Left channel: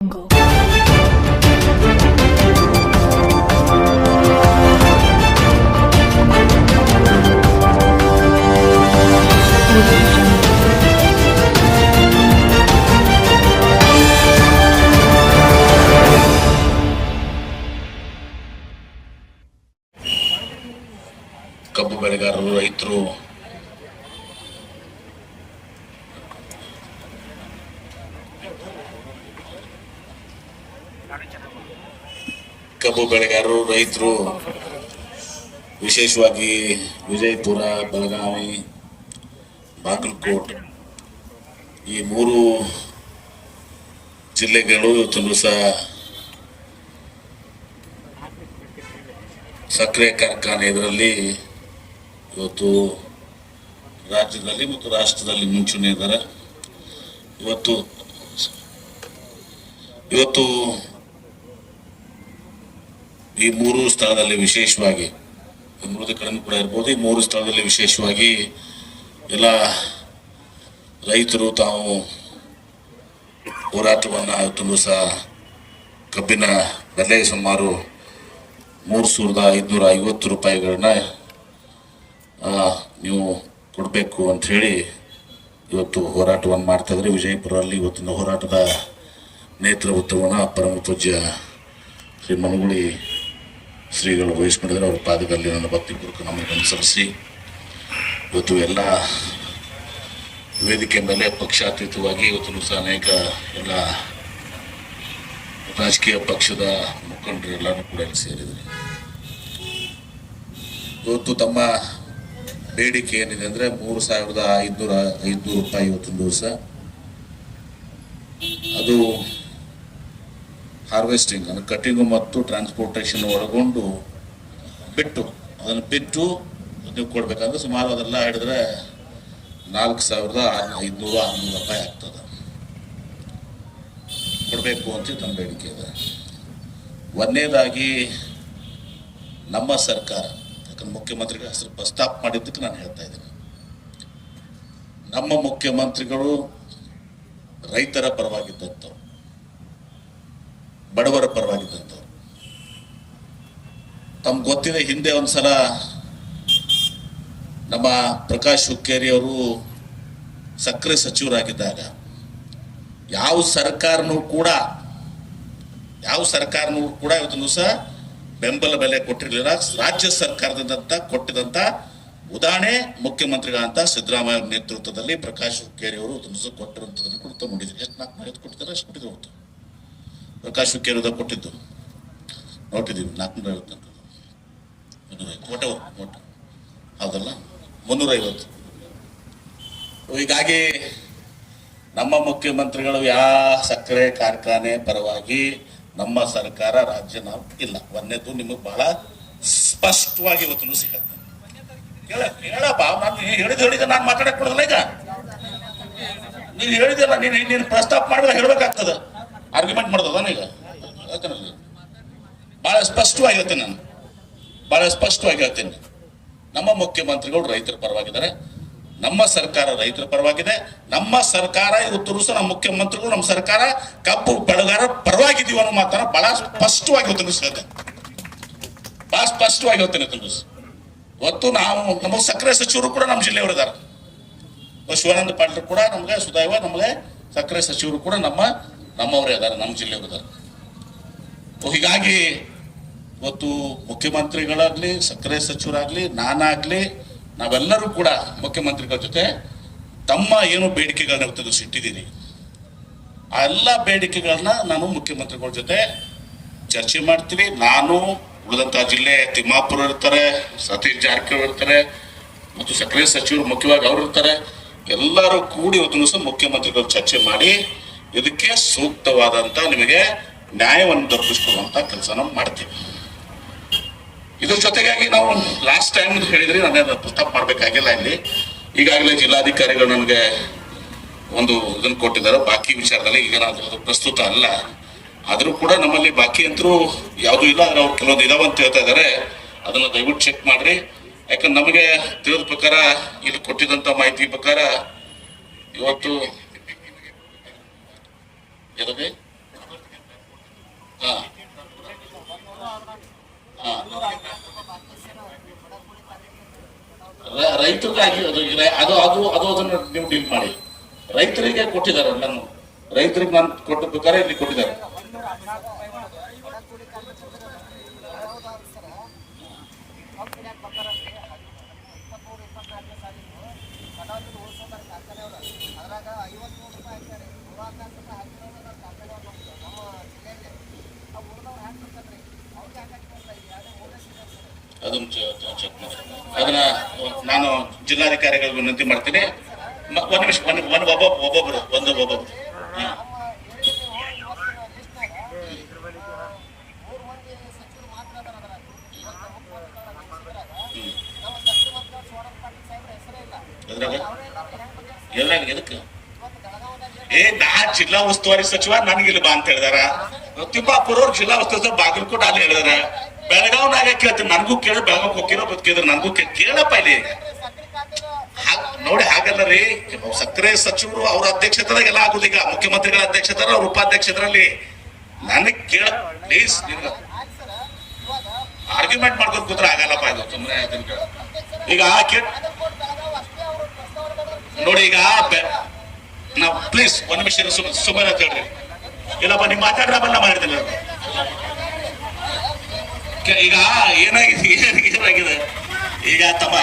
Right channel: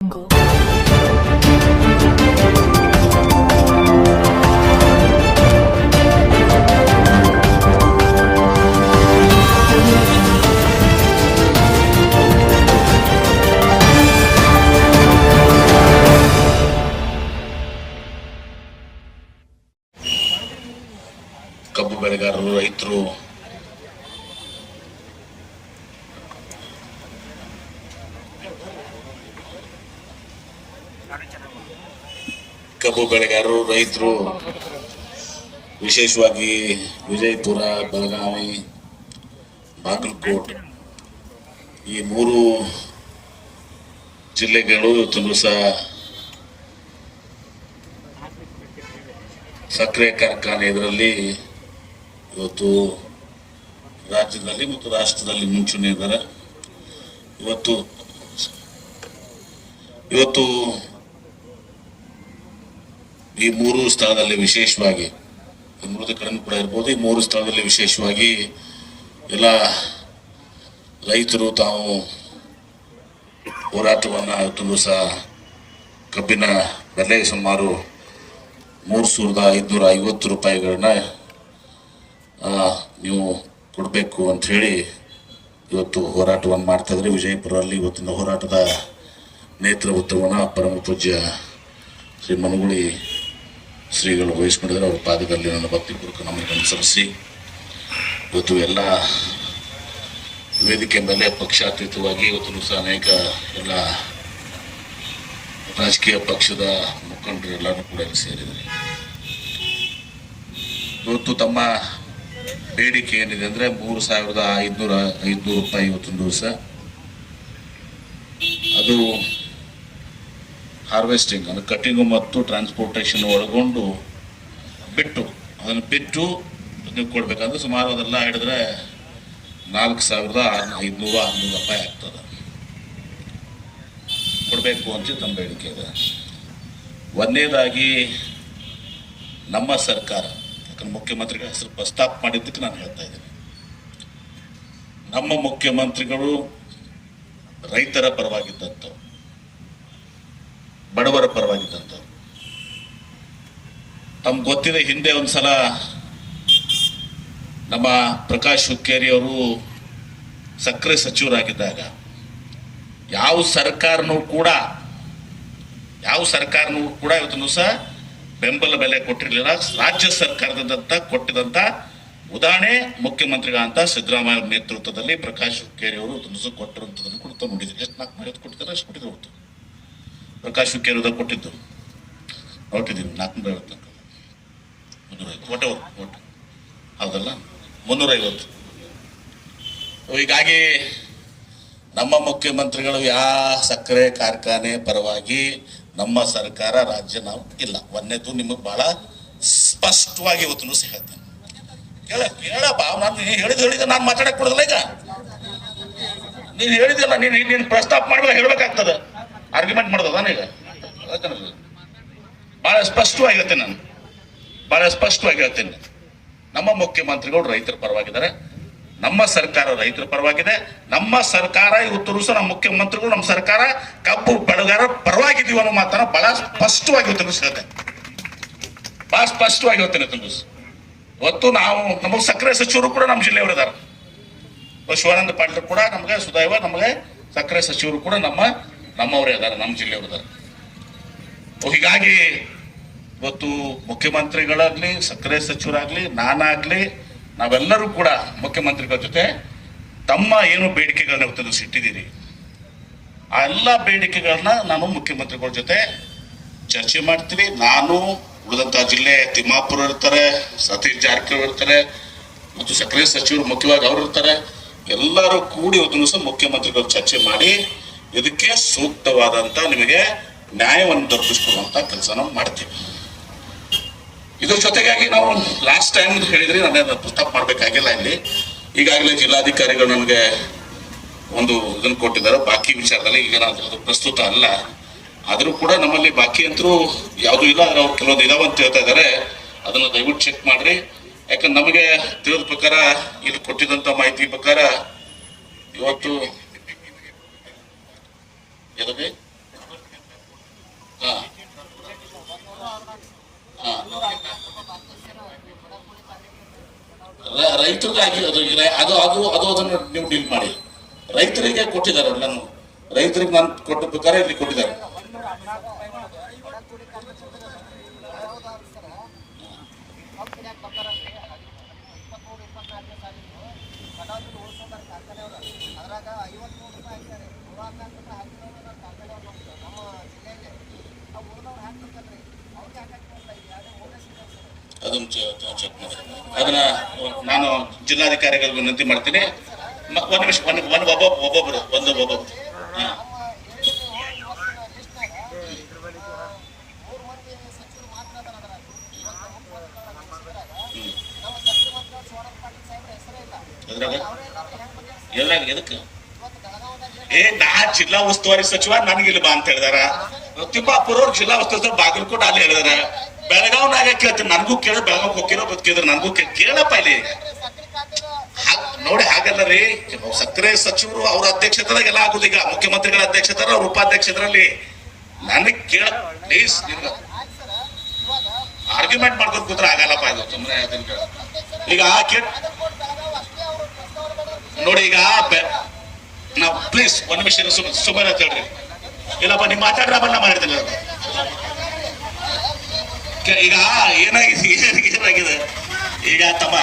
ಕಬ್ಬು ಬೆಳೆಗಾರರು, ರೈತರು ವಿಶೇಷವಾಗಿ ವಿಜಯಪುರ, ಬೆಳಗಾವಿ, ಬಾಗಲಕೋಟ್ ಈ 3 ಜಿಲ್ಲೆಗಳು ಇವತ್ತು ಸಕ್ಕರೆ ಕಾರ್ಖಾನೆ ಇದರಲ್ಲಿ ಇವತ್ತು ರಾಜ್ಯದಲ್ಲಿ ಮತ್ತು ರಾಷ್ಟ್ರದಲ್ಲಿ ಮುಂಚೂಣಿ ಇದ್ದಾರೆ. ಇವತ್ತು ಈ 3 ಸ್ಥಳದಲ್ಲಿ ವಿಶೇಷವಾಗಿ 3 ಕಡೆ ಕೂಡ ಇರ್ಬೋದು. ಈ 3 ಸ್ಥಳದಲ್ಲಿ ವಿಶೇಷವಾಗಿ ಎಲ್ಲ ರೈತರು ತಾವು ಹೋರಾಟವನ್ನ ಇವತ್ತು ಕಬ್ಬಿನ ಬೆಲೆ ಸುಮಾರು 3,550 ರೂಪಾಯಿಗಳನ್ನ ನೀವು ಕೊಡಬೇಕು ಅಂತ ಹೇಳಿ ಇವತ್ತು ಹೋರಾಟವನ್ನು ಮಾಡ್ತಾ ಇದ್ರೆ. ವಿಜಯಪುರದಲ್ಲಿ ಇವತ್ತಿನ ಹೋರಾಟದ ನೇತೃತ್ವವನ್ನು ಪರಮ ಪೂಜ್ಯ ಶ್ರೀ ಮನಗುಳಿ ಶ್ರೀಗಳು ವಹಿಸ್ಕೊಂಡಿದ್ದಾರೆ. ಅವ್ರ ಪಾದದಲ್ಲಿ ನನ್ನ ಭಕ್ತಿಪೂರ್ವಕ ನಮ್ಮನ್ನು ಸಲ್ಲಿಸಿ ಇವತ್ತು ಎಲ್ಲ ವೇದಿಕೆ ಮೇಲೆ ಪಕ್ಷಾತೀತವಾಗಿ ಇವತ್ತು ಅನೇಕ ಎಲ್ಲ ರಾಜಕೀಯ ಪಕ್ಷದ ಮುಖಂಡರು ಎಲ್ಲರೂ ಕೂಡ ಸೇರಿದ್ದಾರೆ. ಇವತ್ತು ತಮ್ಮ ಬೇಡಿಕೆ ಏನಿದೆ ಅಂದ್ರೆ 3,500 ರೂಪಾಯಿ ಇವತ್ತೊಂದು ದಿವಸ ಅದು ಹಾರ್ವೆಸ್ಟಿಂಗ್ ಅಂದ್ರೆ ಕಟಿಂಗು ಮತ್ತು ಟ್ರಾನ್ಸ್ಪೋರ್ಟೇಷನ್ ಒಳಗೊಂಡು ಅದನ್ನು ಬಿಟ್ಟು ನೀವು ಕೊಡ್ಬೇಕಂದ್ರೆ ಸುಮಾರು ಅದೆಲ್ಲ ಹಿಡಿದ್ರೆ 4,500 ರೂಪಾಯಿ ಆಗ್ತದೆ. ಕೊಡಬೇಕು ಅಂತ ನಮ್ಮ ಬೇಡಿಕೆ ಇದೆ. ಒಂದನೇದಾಗಿ ನಮ್ಮ ಸರ್ಕಾರ, ಯಾಕಂದ್ರೆ ಮುಖ್ಯಮಂತ್ರಿಗಳ ಹೆಸರು ಪ್ರಸ್ತಾಪ ಮಾಡಿದ್ದಕ್ಕೆ ನಾನು ಹೇಳ್ತಾ ಇದ್ದೀನಿ, ನಮ್ಮ ಮುಖ್ಯಮಂತ್ರಿಗಳು ರೈತರ ಪರವಾಗಿದ್ದಂಥವ್ರು, ಬಡವರ ಪರವಾಗಿದ್ದಂಥವ್ರು. ತಮ್ಗೆ ಗೊತ್ತಿದೆ, ಹಿಂದೆ ಒಂದ್ಸಲ ನಮ್ಮ ಪ್ರಕಾಶ್ ಹುಕ್ಕೇರಿ ಅವರು ಸಕ್ಕರೆ ಸಚಿವರಾಗಿದ್ದಾಗ ಯಾವ ಸರ್ಕಾರನೂ ಕೂಡ ಇವತ್ತು ಸಹ ಬೆಂಬಲ ಬೆಲೆ ಕೊಟ್ಟಿರಲಿಲ್ಲ. ರಾಜ್ಯ ಸರ್ಕಾರದಂತ ಕೊಟ್ಟಿದಂತ ಉದಾಹರಣೆ ಮುಖ್ಯಮಂತ್ರಿಗಳಂತ ಸಿದ್ದರಾಮಯ್ಯ ಅವರ ನೇತೃತ್ವದಲ್ಲಿ ಪ್ರಕಾಶ್ ಹುಕ್ಕೇರಿ ಅವರು ಕೊಟ್ಟಿರುವಂತದನ್ನು ಕೂಡ ನೋಡಿದ್ರು. ಎಷ್ಟು 450 ಕೊಟ್ಟಿದ್ದಾರೆ, ಅಷ್ಟು ಕೊಟ್ಟಿದ್ರು. ಪ್ರಕಾಶ್ ಹುಕ್ಕೇರಿ ಅವರು ಕೊಟ್ಟಿದ್ದು ನೋಟಿದ್ದೀವಿ 450 ಹೌದಲ್ಲ, 350. ಹೀಗಾಗಿ ನಮ್ಮ ಮುಖ್ಯಮಂತ್ರಿಗಳು ಸಕ್ಕರೆ ಕಾರ್ಖಾನೆ ಪರವಾಗಿ ನಮ್ಮ ಸರ್ಕಾರ ರಾಜ್ಯ ನಾವು ಇಲ್ಲ. ಒಂದೇದು ನಿಮಗೆ ಬಹಳ ಸ್ಪಷ್ಟವಾಗಿ ಇವತ್ತು ಹೇಳ್ತೇನೆ. ಹೇಳಪ್ಪ, ನಾನು ಹೇಳಿದ ನಾನು ಮಾತಾಡಕ್ ಕೊಡೋದಿಲ್ಲ. ಈಗ ನೀನು ಹೇಳಿದಿಲ್ಲ, ನೀನು ಪ್ರಸ್ತಾಪ ಮಾಡ್ಬೇಕು, ಹೇಳ್ಬೇಕಾಗ್ತದ, ಆರ್ಗ್ಯುಮೆಂಟ್ ಮಾಡೋದ. ಈಗ ಬಹಳ ಸ್ಪಷ್ಟವಾಗಿ ಹೇಳ್ತೇನೆ. ನಮ್ಮ ಮುಖ್ಯಮಂತ್ರಿಗಳು ರೈತರ ಪರವಾಗಿದ್ದಾರೆ, ನಮ್ಮ ಸರ್ಕಾರ ರೈತರ ಪರವಾಗಿದೆ. ನಮ್ಮ ಸರ್ಕಾರ ಇವತ್ತು ಸಹ ನಮ್ಮ ಮುಖ್ಯಮಂತ್ರಿಗಳು, ನಮ್ಮ ಸರ್ಕಾರ ಕಬ್ಬು ಬೆಳೆಗಾರರ ಪರವಾಗಿದ್ದೀವಿ ಅನ್ನೋ ಮಾತನ್ನ ಬಹಳ ಸ್ಪಷ್ಟವಾಗಿ ಹೇಳ್ತೇನೆ. ಇವತ್ತು ನಾವು ನಮಗೆ ಸಕ್ಕರೆ ಸಚಿವರು ಕೂಡ ನಮ್ಮ ಜಿಲ್ಲೆಯವರು ಇದ್ದಾರೆ. ಶಿವಾನಂದ ಪಾಟೀಲ್ ಕೂಡ ನಮಗೆ ಸುದೈವ ನಮಗೆ ಸಕ್ಕರೆ ಸಚಿವರು ಕೂಡ ನಮ್ಮವರೇ ಇದ್ದಾರೆ, ನಮ್ಮ ಜಿಲ್ಲೆಯವರು ಇದ್ದಾರೆ. ಹೀಗಾಗಿ ಇವತ್ತು ಮುಖ್ಯಮಂತ್ರಿಗಳಾಗ್ಲಿ, ಸಕ್ಕರೆ ಸಚಿವರಾಗ್ಲಿ, ನಾನಾಗ್ಲಿ, ನಾವೆಲ್ಲರೂ ಕೂಡ ಮುಖ್ಯಮಂತ್ರಿಗಳ ಜೊತೆ ತಮ್ಮ ಏನು ಬೇಡಿಕೆಗಳನ್ನ ಇವತ್ತು ಇಟ್ಟಿದ್ದೀರಿ, ಆ ಎಲ್ಲ ಬೇಡಿಕೆಗಳನ್ನ ನಾನು ಮುಖ್ಯಮಂತ್ರಿಗಳ ಜೊತೆ ಚರ್ಚೆ ಮಾಡ್ತೀನಿ. ನಾನು ಉಳಿದಂತಹ ಜಿಲ್ಲೆ ತಿಮ್ಮಾಪುರ ಇರ್ತಾರೆ, ಸತೀಶ್ ಜಾರಕಿಹೊಳಿ ಇರ್ತಾರೆ, ಮತ್ತು ಸಕ್ಕರೆ ಸಚಿವರು ಮುಖ್ಯವಾಗಿ ಅವರು ಇರ್ತಾರೆ. ಎಲ್ಲರೂ ಕೂಡಿ ಇವತ್ತು ಸಹ ಮುಖ್ಯಮಂತ್ರಿಗಳು ಚರ್ಚೆ ಮಾಡಿ ಇದಕ್ಕೆ ಸೂಕ್ತವಾದಂತ ನಿಮಗೆ ನ್ಯಾಯವನ್ನು ದೊರಕಿಸಿಕೊಳ್ಳುವಂತ ಕೆಲಸ ನಾವು ಮಾಡ್ತೀವಿ. ಇದ್ರ ಜೊತೆಗಾಗಿ ನಾವು ಲಾಸ್ಟ್ ಟೈಮ್ ಹೇಳಿದ್ರಿ, ನಾನು ಪ್ರಸ್ತಾಪ ಮಾಡ್ಬೇಕಾಗಿಲ್ಲ. ಇಲ್ಲಿ ಈಗಾಗಲೇ ಜಿಲ್ಲಾಧಿಕಾರಿಗಳು ನಮಗೆ ಒಂದು ಇದನ್ನು ಕೊಟ್ಟಿದ್ದಾರೆ ಬಾಕಿ ವಿಚಾರದಲ್ಲಿ. ಈಗ ಅದು ಪ್ರಸ್ತುತ ಅಲ್ಲ, ಆದ್ರೂ ಕೂಡ ನಮ್ಮಲ್ಲಿ ಬಾಕಿ ಅಂತರೂ ಯಾವ್ದು ಇಲ್ಲ. ಕೆಲವೊಂದು ಇದಾವಂತ ಹೇಳ್ತಾ ಇದಾರೆ, ಅದನ್ನ ದಯವಿಟ್ಟು ಚೆಕ್ ಮಾಡ್ರಿ. ಯಾಕಂದ್ರೆ ನಮಗೆ ತಿಳಿದ ಪ್ರಕಾರ, ಇಲ್ಲಿ ಕೊಟ್ಟಿದಂತ ಮಾಹಿತಿ ಪ್ರಕಾರ ಇವತ್ತು ರೈತರಿಗಾಗಿ ಅದು ಇದೆ, ಅದು ಅದು ಅದು ಅದನ್ನು ನೀವು ಡೀಲ್ ಮಾಡಿ. ರೈತರಿಗೆ ಕೊಟ್ಟಿದ್ದಾರೆ, ನಾನು ರೈತರಿಗೆ ನಾನು ಕೊಟ್ಟ ಪ್ರಕಾರ ಇಲ್ಲಿ ಕೊಟ್ಟಿದ್ದಾರೆ. ಅದನ್ನು ಚೆಕ್ ಮಾಡಿ. ಅದನ್ನ ನಾನು ಜಿಲ್ಲಾಧಿಕಾರಿಗಳಿಗೆ ವಿನಂತಿ ಮಾಡ್ತೀನಿ. ಒಂದು ನಿಮಿಷ, ಒಬ್ಬೊಬ್ಬರು ಎಲ್ಲ ಎದಕ್ಕೆ ನಾ ಜಿಲ್ಲಾ ಉಸ್ತುವಾರಿ ಸಚಿವ ನನಗಿಲ್ಲ ಬಾ ಅಂತ ಹೇಳಿದಾರ. ತಿಮ್ಮಾಪುರ ಅವ್ರು ಜಿಲ್ಲಾ ಉಸ್ತುವಾರಿ ಸಚಿವ ಬಾಗಲಕೋಟೆ ಅಲ್ಲಿ ಹೇಳಿದಾರೆ. ಬೆಳಗಾವ್ನಾಗ ಕೇಳ್ತೀನಿ, ನನಗೂ ಕೇಳ, ಬೆಳಗಾವ್ ಹೋಗಿರೋ ಬದುಕಿದ್ರು ನನಗೂ ಕೇಳಪ್ಪ ಇಲ್ಲಿ ನೋಡಿ. ಹಾಗಲ್ಲ ರೀ, ಸಕ್ಕರೆ ಸಚಿವರು ಅವ್ರ ಅಧ್ಯಕ್ಷತೆದಾಗ ಎಲ್ಲ ಆಗುದು. ಈಗ ಮುಖ್ಯಮಂತ್ರಿಗಳ ಅಧ್ಯಕ್ಷತೆ, ಅವ್ರ ಉಪಾಧ್ಯಕ್ಷರಲ್ಲಿ ನನಗೆ ಕೇಳ ಪ್ಲೀಸ್. ಆರ್ಗ್ಯುಮೆಂಟ್ ಮಾಡ್ಕೊಂಡು ಕೂತ್ರೆ ಆಗಲ್ಲಪ್ಪ ಇದು ಸುಮ್ಮನೆ. ಈಗ ನೋಡಿ, ಈಗ ನಾ ಪ್ಲೀಸ್ ಒಂದು ನಿಮಿಷ ಸುಮ್ಮನೆ ಅಂತ ಹೇಳ್ರಿ. ಇಲ್ಲಪ್ಪ ನೀವು ಮಾತಾಡ್ರ ಬಲ್ಲ ಮಾಡಿದಿಲ್ಲ. ಈಗ ಏನಾಗಿದೆ ಈಗ ತಮ್ಮ,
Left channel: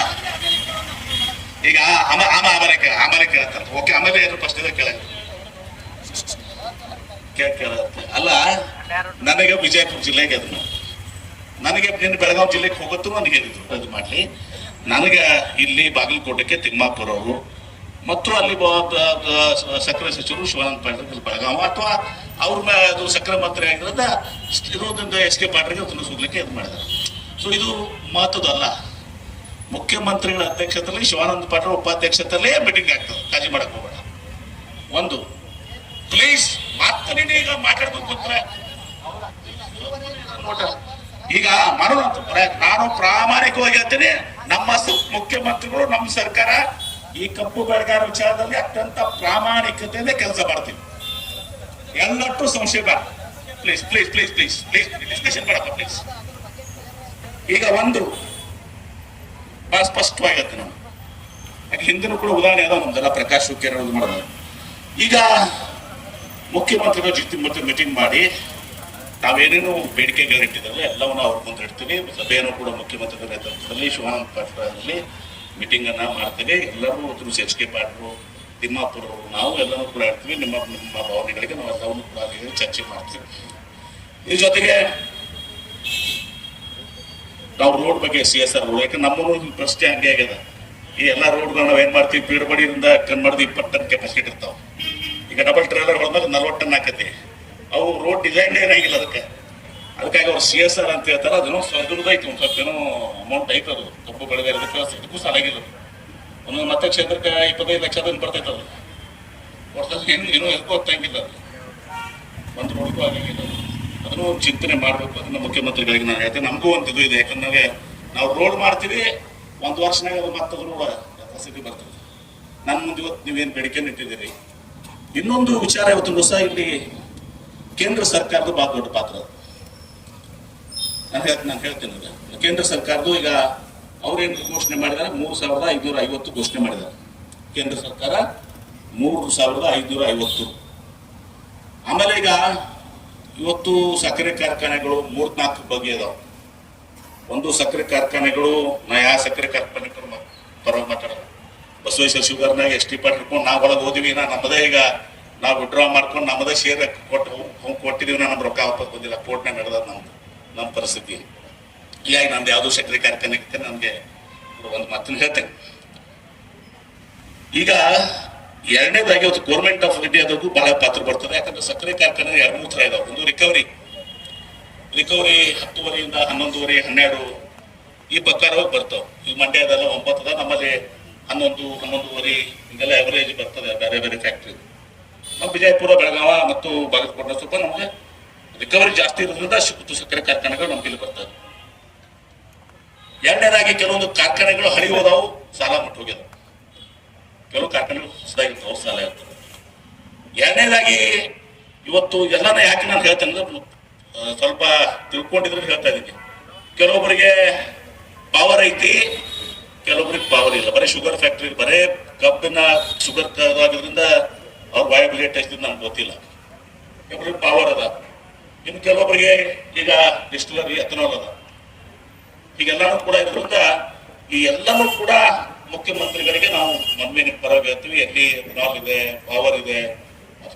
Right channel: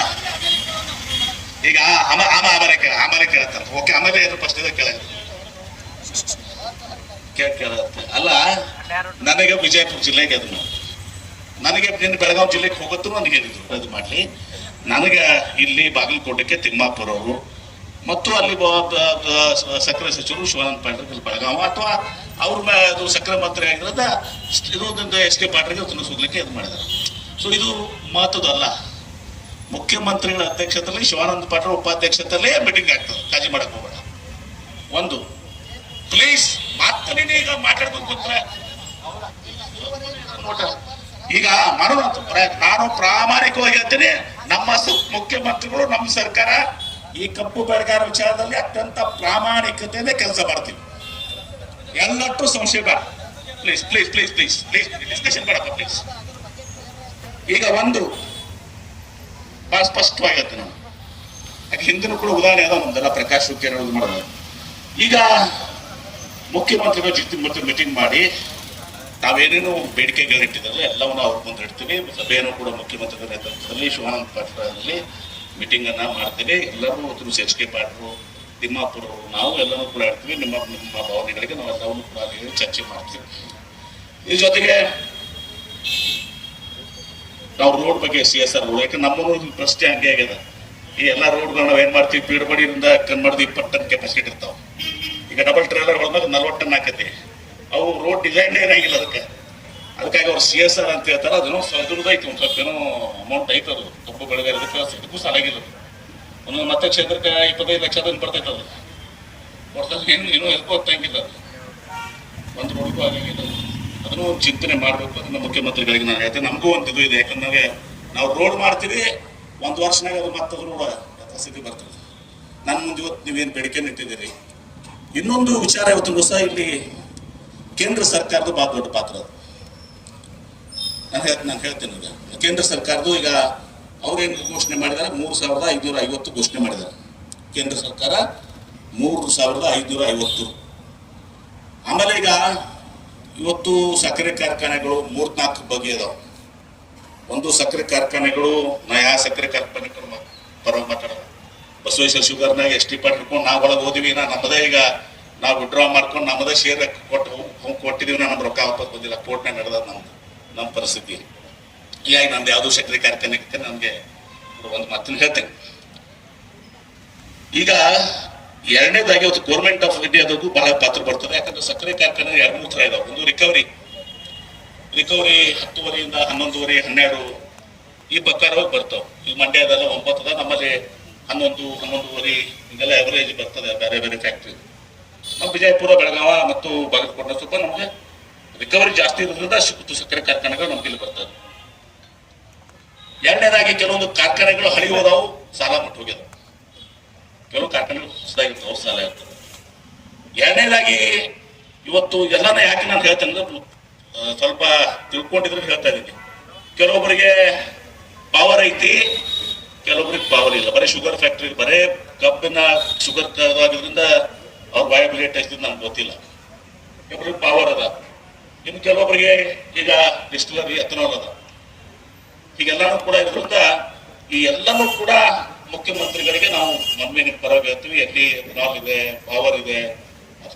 ಈಗ ಆಮೇಲೆ ಕೇಳತ್ತಂತ. ಓಕೆ, ಆಮೇಲೆ ಏನು ಪ್ರಶ್ನೆ ಕೇಳತ್ತ ಅಲ್ಲ. ನನಗೆ ವಿಜಯಪುರ ಜಿಲ್ಲೆಗೆ ಅದನ್ನು, ನನಗೆ ನಿನ್ನ ಬೆಳಗಾವಿ ಜಿಲ್ಲೆಗೆ ಹೋಗುತ್ತೂ ನನಗೆ ಅದು ಮಾಡ್ಲಿ. ನನಗೆ ಇಲ್ಲಿ ಬಾಗಲಕೋಟೆಗೆ ತಿಮ್ಮಾಪುರ ಅವರು ಮತ್ತು ಅಲ್ಲಿ ಸಕ್ಕರೆ ಸಚಿವರು ಶಿವಾನಂದ ಪಾಟೀಲ್ ಬೆಳಗಾವಿ, ಅಥವಾ ಅವ್ರ ಅದು ಸಕ್ಕರೆ ಮಂತ್ರಿ ಆಗಿರೋದ ಇರೋದ್ರಿಂದ ಎಸ್ ಕೆ ಪಾಟೀಲ್ಗೆ ಅದನ್ನು ಸುದ್ಲಿಕ್ಕೆ ಇದು ಮಾಡಿದ್ದಾರೆ. ಸೊ ಇದು ಮಹತ್ವದಲ್ಲ. ಮುಖ್ಯಮಂತ್ರಿಗಳ ಅಧ್ಯಕ್ಷತೆಯಲ್ಲಿ ಶಿವಾನಂದ ಪಾಟೀಲ್ ಉಪಾಧ್ಯಕ್ಷತೆಯಲ್ಲೇ ಮೀಟಿಂಗ್ ಆಗ್ತದೆ. ಕಾಳಜಿ ಮಾಡಕ್ ಹೋಗೋಣ. ಒಂದು ಪ್ಲೀಸ್ ಮಾತಾಡಿ. ಈಗ ಮಾತಾಡ್ಬೇಕು ಈಗ ಮಾಡೋದು. ನಾನು ಪ್ರಾಮಾಣಿಕವಾಗಿ ಹೇಳ್ತೀನಿ, ನಮ್ಮ ಮುಖ್ಯಮಂತ್ರಿಗಳು, ನಮ್ಮ ಸರ್ಕಾರ ಈ ಕಪ್ಪು ಬೆಳೆಗಾರ ವಿಚಾರದಲ್ಲಿ ಅತ್ಯಂತ ಪ್ರಾಮಾಣಿಕತೆಯಿಂದ ಕೆಲಸ ಮಾಡ್ತೀವಿ. ಎಲ್ಲಟ್ಟು ಸಂಶಯ ಬೇಡ. Please please please please please discussion ಮಾಡಪ್ಪ ಪ್ಲೀಸ್. ಈಗ ಒಂದು ಬಹಳ ಸ್ಪಷ್ಟವಾಗಿ ಹೇಳ್ತೀನಿ ನಾನು. ಯಾಕೆ ಹಿಂದಿನೂ ಕೂಡ ಉದಾಹರಣೆ ಅದ ನಮ್ದೆಲ್ಲ ಪ್ರಕಾಶ್ ಹುಕ್ಕೇರಿ ಮಾಡೋದು. ಈಗ ಮುಖ್ಯಮಂತ್ರಿಗಳ ಜೊತೆ ಮೀಟಿಂಗ್ ಮಾಡಿ ನಾವೇನೇನು ಬೇಡಿಕೆಗಳು ಇಟ್ಟಿದ್ರಲ್ಲ ಎಲ್ಲವನ್ನ ಅವ್ರ ಮುಂದೆ ಇಡ್ತೀವಿ. ಸಭೆಯನ್ನು ಕೂಡ ಮುಖ್ಯಮಂತ್ರಿಗಳ ನೇತೃತ್ವದಲ್ಲಿ ಶಿವಾನಂದ ಪಾಟೀಲ್ ಆಗಲಿ ಮೀಟಿಂಗ್ ಅನ್ನ ಮಾಡ್ತೀವಿ. ಎಲ್ಲರೂ ಅದ್ರ ಎಚ್ ಕೆ ಪಾಟೀಲ್, ತಿಮ್ಮಾಪುರ ಅವರು, ನಾವು ಎಲ್ಲರೂ ಕೂಡ ಇಡ್ತೀವಿ. ನಿಮ್ಮ ಭಾವನೆಗಳಿಗೆ ನಾವು ಎಲ್ಲವನ್ನೂ ಕೂಡ ಚರ್ಚೆ ಮಾಡ್ತೀವಿ. ಇದ್ರ ಜೊತೆಗೆ ನಾವು ರೋಡ್ ಬಗ್ಗೆ CSR ರೋಡ್, ಯಾಕಂದ್ರೆ ನಮ್ಮ ಪ್ರಶ್ನೆ ಹಂಗೆ ಆಗ್ಯದ. ಈ ಎಲ್ಲಾ ರೋಡ್ಗಳು ನಾವ್ ಏನ್ ಮಾಡ್ತೀವಿ, ಪೀಡಬಡಿಯಿಂದ ಕನ್ಮಾಡ್ತೀವಿ, 20 ಟನ್ ಕೆಪಾಸಿಟಿ ಇರ್ತಾವ. ಈಗ ಡಬಲ್ ಟ್ರೇಲರ್ ಮೇಲೆ 40 ಟನ್ ಹಾಕತಿ. ಅವು ರೋಡ್ ಡಿಸೈನ್ ಏನಾಗಿಲ್ಲ ಅದಕ್ಕಾಗಿ ಅವ್ರು CSR ಅಂತ ಹೇಳ್ತಾರೆ. ಅದನ್ನು ಐತಿ, ಒಂದ್ ಸ್ವಲ್ಪ ಏನೋ ಅಮೌಂಟ್ ಐತೆ. ಅದು ಕಪ್ಪು ಬೆಳೆಗಾರದಕ್ಕೂ ಸಾಲಾಗಿಲ್ಲ. ಒಂದೊಂದು ಮತ ಕ್ಷೇತ್ರಕ್ಕೆ 25 ಲಕ್ಷ ಬರ್ತೈತೆ. ಅದು ಒಟ್ಟಲ್ಲಿ ಏನೂ ಎದ್ಕೋಗ್ತಂಗಿಲ್ಲ. ಅದು ಒಂದು ರೋಡ್ ಆಗಿಲ್ಲ. ಅದನ್ನು ಒಂದು ಚಿಂತನೆ ಮಾಡ್ಬೇಕು. ಅದನ್ನ ಮುಖ್ಯಮಂತ್ರಿಗಳಿಗೆ ನಾನು ಹೇಳ್ತೇನೆ. ನಮಗೂ ಒಂದು ಇದು ಇದೆ, ಯಾಕಂದ್ರೆ ನಾವು ರೋಡ್ ಮಾಡ್ತೀವಿ, ಒಂದು ವರ್ಷನಾಗ ಮತ್ತೊಂದು ಸ್ಥಿತಿ ಬರ್ತದೆ. ನನ್ನ ಮುಂದೆ ಇವತ್ತು ನೀವೇನು ಬೇಡಿಕೆ ನಿಂತಿದ್ದೀರಿ. ಇನ್ನೊಂದು ವಿಚಾರ ಇವತ್ತು ಸಹ ಇಲ್ಲಿ ಕೇಂದ್ರ ಸರ್ಕಾರದ ಬಹಳ ದೊಡ್ಡ ಪಾತ್ರ. ನಾನು ಹೇಳ್ತೇನೆ, ಕೇಂದ್ರ ಸರ್ಕಾರದ್ದು ಈಗ ಅವ್ರೇನು ಘೋಷಣೆ ಮಾಡಿದ್ದಾರೆ, 3550 ಘೋಷಣೆ ಮಾಡಿದ್ದಾರೆ ಕೇಂದ್ರ ಸರ್ಕಾರ. 3550. ಆಮೇಲೆ ಈಗ ಇವತ್ತು ಸಕ್ಕರೆ ಕಾರ್ಖಾನೆಗಳು 3-4 ಬಗೆ ಅದಾವ. ಒಂದು ಸಕ್ಕರೆ ಕಾರ್ಖಾನೆಗಳು, ನಾ ಯಾವ ಸಕ್ಕರೆ ಕಾರ್ಖಾನೆಗಳು ಪರ ಮಾತಾಡೋದು, ಬಸವೇಶ್ವರ ಶುಗರ್ನಾಗ ಎಷ್ಟಿ ಪಾಟ್ ಹಿಡ್ಕೊಂಡು ನಾವು ಒಳಗೆ ಹೋದಿವಿ. ನಮ್ಮದೇ ಈಗ ನಾವು ವಿಡ್ರಾ ಮಾಡ್ಕೊಂಡು ನಮ್ಮದೇ ಶೇರ್ ಕೊಟ್ಟಿದೀವಿ. ನಮ್ಗೆ ರೊಕ್ಕ ವಾಪಸ್ ಬಂದಿಲ್ಲ. ಕೋರ್ಟ್ನಾಗ ನಡೆದ ನಮ್ಮ ಪರಿಸ್ಥಿತಿ. ಹೀಗಾಗಿ ನಮ್ದು ಯಾವುದೋ ಸಕ್ಕರೆ ಕಾರ್ಖಾನೆ ನಮ್ಗೆ ಒಂದು ಮಾತನ್ನು ಹೇಳ್ತೇನೆ. ಈಗ ಎರಡನೇದಾಗಿ ಒಂದು ಗೌರ್ಮೆಂಟ್ ಆಫ್ ಇಂಡಿಯಾದಾಗೂ ಬಹಳ ಪಾತ್ರ ಬರ್ತದೆ. ಯಾಕಂದ್ರೆ ಸಕ್ಕರೆ ಕಾರ್ಖಾನೆ 2-3 ತರ ಇದಾವೆ. ಒಂದು ರಿಕವರಿ 10ವರೆಯಿಂದ 11ವರೆ 12 ಈ ಪ್ರಕಾರವಾಗಿ ಬರ್ತಾವೆ. ಈಗ ಮಂಡ್ಯದಲ್ಲ 9 ಅದ, ನಮ್ಮಲ್ಲಿ 11-11ವರೆ ಹಿಂಗೆಲ್ಲ ಅವರೇಜ್ ಬರ್ತದೆ ಬೇರೆ ಬೇರೆ ಫ್ಯಾಕ್ಟ್ರಿ. ನಮ್ಮ ವಿಜಯಪುರ, ಬೆಳಗಾವ ಮತ್ತು ಬಾಗಲಕೋಟೆ ಸ್ವಲ್ಪ ನಮ್ಗೆ ರಿಕವರಿ ಜಾಸ್ತಿ ಇರೋದ್ರಿಂದ ಸಕ್ಕರೆ ಕಾರ್ಖಾನೆಗಳು ನಮ್ಗೆ ಇಲ್ಲಿ ಬರ್ತದೆ. ಎರಡನೇದಾಗಿ ಕೆಲವೊಂದು ಕಾರ್ಖಾನೆಗಳು ಹಳಿ ಹೋದವು, ಸಾಲ ಮುಟ್ಟು ಹೋಗ್ಯದ. ಕೆಲವು ಕಾರ್ಖಾನೆಗಳು ಹೊಸದಾಗಿರ್ತಾವೆ, ಸಾಲ ಇರ್ತದೆ. ಎರಡನೇದಾಗಿ ಇವತ್ತು ಎಲ್ಲಾನ ಯಾಕೆ ನಾನು ಹೇಳ್ತೇನೆ ಅಂದ್ರೆ ಸ್ವಲ್ಪ ತಿಳ್ಕೊಂಡಿದ್ರೆ ಹೇಳ್ತಾ ಇದ್ದೀನಿ. ಕೆಲವೊಬ್ಬರಿಗೆ ಪವರ್ ಐತಿ, ಕೆಲವೊಬ್ರಿಗೆ ಪವರ್ ಇಲ್ಲ, ಬರೀ ಶುಗರ್ ಫ್ಯಾಕ್ಟ್ರಿ, ಬರೇ ಕಬ್ಬಿನ ಶುಗರ್ ಆಗಿದ್ರಿಂದ ಅವ್ರ ಬಾಯಿ ಬೆಲೆ ಟೇಸ್ಟ್ ನಮ್ಗೆ ಗೊತ್ತಿಲ್ಲ. ಕೆಲವೊಬ್ರಿಗೆ ಪವರ್ ಅದ, ಇನ್ನು ಕೆಲವೊಬ್ಬರಿಗೆ ಈಗ ಡಿಸ್ಟಿಲರಿ ಎಥನಾಲ್ ಅದ. ಹೀಗೆಲ್ಲಾನು ಕೂಡ ಇದ್ರಿಂದ ಈ ಎಲ್ಲನೂ ಕೂಡ ಮುಖ್ಯಮಂತ್ರಿಗಳಿಗೆ ನಾವು ಮನವಿನ ಪರವಾಗಿ ಹೇಳ್ತೀವಿ. ಎಲ್ಲಿ ಎಥನಾಲ್ ಇದೆ, ಪವರ್ ಇದೆ,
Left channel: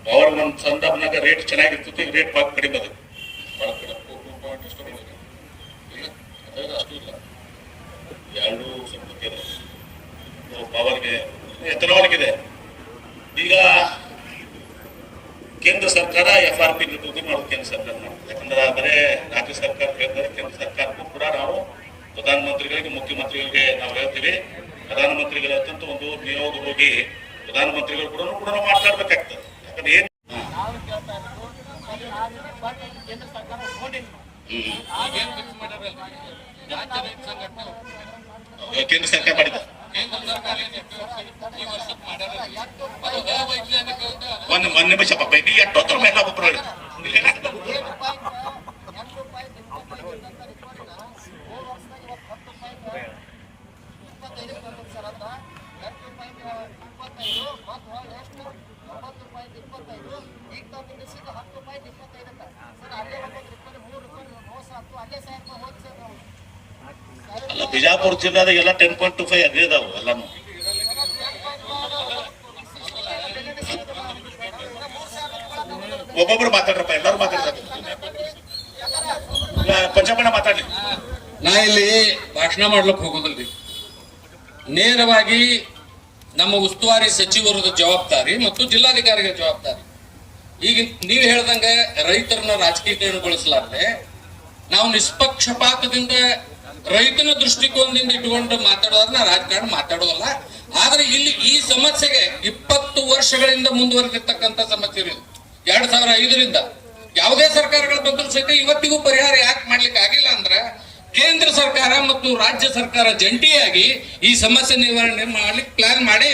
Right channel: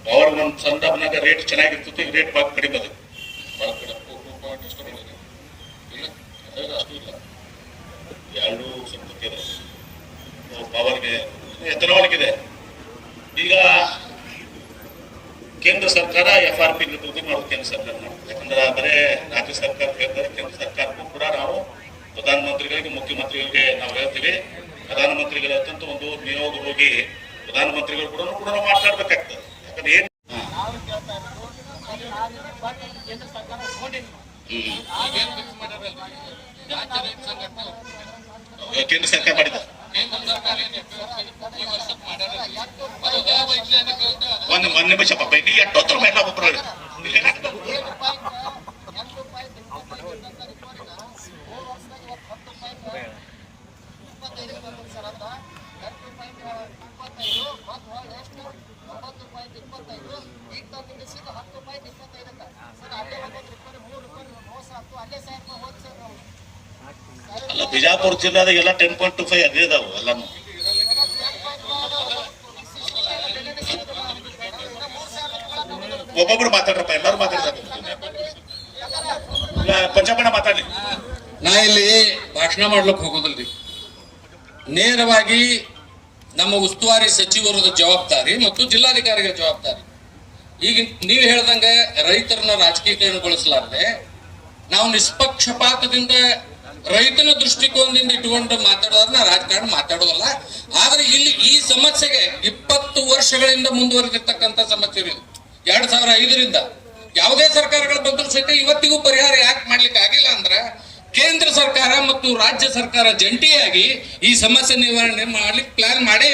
ಪವರ್ ಒಂದು ಸಂದರ್ಭನಾಗ ರೇಟ್ ಚೆನ್ನಾಗಿರ್ತದೆ, ರೇಟ್ ಬಾಗಿ ಕಡಿಮೆ ಅದ. ಅಷ್ಟು ಇಲ್ಲ, ಎರಡು ಸಂಸ್ಕೃತಿ ಇದೆ, ಪವರ್ಗೆ ಎಥನಾಲ್ಗಿದೆ. ಈಗ ಕೇಂದ್ರ ಸರ್ಕಾರ FRP ನಿರ್ವಹಣೆ ಮಾಡೋದು ಕೇಂದ್ರ ಸರ್ಕಾರ ಮಾಡುತ್ತೆ. ಯಾಕಂದ್ರೆ ಬರೇ ರಾಜ್ಯ ಸರ್ಕಾರ ಹೇಳ್ತಾರೆ, ಕೇಂದ್ರ ಸರ್ಕಾರಕ್ಕೂ ಕೂಡ ನಾವು ಪ್ರಧಾನಮಂತ್ರಿಗಳಿಗೆ, ಮುಖ್ಯಮಂತ್ರಿಗಳಿಗೆ ನಾವು ಹೇಳ್ತೀವಿ. ಪ್ರಧಾನಮಂತ್ರಿಗಳ ಹತ್ತಂತೂ ಒಂದು ನಿಯೋಗ ಹೋಗಿ ಪ್ರಧಾನಮಂತ್ರಿಗಳು ಕೂಡ ನಾವು ಮಾತಾಡ್ಬೇಕಾಗ್ತದೆ. ಯಾಕಂದ್ರೆ ಏನ್ ಕೇಂದ್ರ ಸರ್ಕಾರ ಮಾಡಿದ ಮೊನ್ನೆ ಬಸಪ್ಪ ಬೈಟಿ 70 ರೂಪಾಯಿ ಒಬ್ಬರು ಅಲ್ಲ, ಬಿಜಾಪುರ ಜಿಲ್ಲಾದಾಗ ಎಲ್ಲ 10.25 ಅದೇ ಇದಾವು ಎಲ್ಲಾನು. ಒಬ್ಬೊಬ್ರು ಮಾತಾಡ್ರಪ್ಪ, ಎಲ್ಲರೂ ಮಾತಾಡ್ತಾರೆ. ಪಂಚಮಣ್ಣ ಮಾತಾಡ್ಲಿ. ನಾ ಇಲ್ಲಿ ಭಾಷಣ ಮಾಡ್ಲಿಕ್ಕೆ ಹೋಗೋದಿಲ್ರಿ. ನೇರವಾಗಿ ನಮ್ಮ ಉಸ್ತುವಾರಿ ಸಚಿವರದ ಜವಾಬ್ದಾರಿ ಮತ್ತು ಜಿಲ್ಲಾಧಿಕಾರಿಗೆ ಜವಾಬ್ದಾರಿ. ಈಗ ನೀವು ಹೇಳ್ದಂಗೆ ರೈತರನ್ನ ರಾಜಕೀಯಗೊಳಿಸಲಾರದೆ ನಾವು ನಿಷ್ಪಕ್ಷಪಾತದಿಂದ ರೈತನ ದೃಷ್ಟಿಕೋನದಿಂದ ಇಟ್ಟುಕೊಂಡು ಮಾತಾಡೋದನ್ನ ರಾಜಕಾರಣ ಮಾತಾಡೋದಲ್ಲ. ಆದ್ರೆ ಇಲ್ಲಿ ಈ ಸಮಸ್ಯೆಗೆ 20 ವರ್ಷಗಳಿಂದ ಮುಂದುವರೆದಿರ್ತಕ್ಕಂಥ ಸಮಸ್ಯೆ ಇದೆ. 2005ರಿಂದ ಯಾವುದೇ ಸರ್ಕಾರಗಳು ಬಂದರೂ ಸಹಿತ ಇವತ್ತಿಗೂ ಪರಿಹಾರ ಯಾಕೆ ಮಾಡ್ಲಿಕ್ಕೆ ಆಗಿಲ್ಲ ಅಂದ್ರೆ ಕೇಂದ್ರ ಸರ್ಕಾರ ಮತ್ತು ರಾಜ್ಯ ಸರ್ಕಾರ ಜಂಟಿಯಾಗಿ ಈ ಸಮಸ್ಯೆ ನಿವಾರಣೆ ಮಾಡ್ಲಿಕ್ಕೆ ಪ್ಲಾನ್ ಮಾಡಿ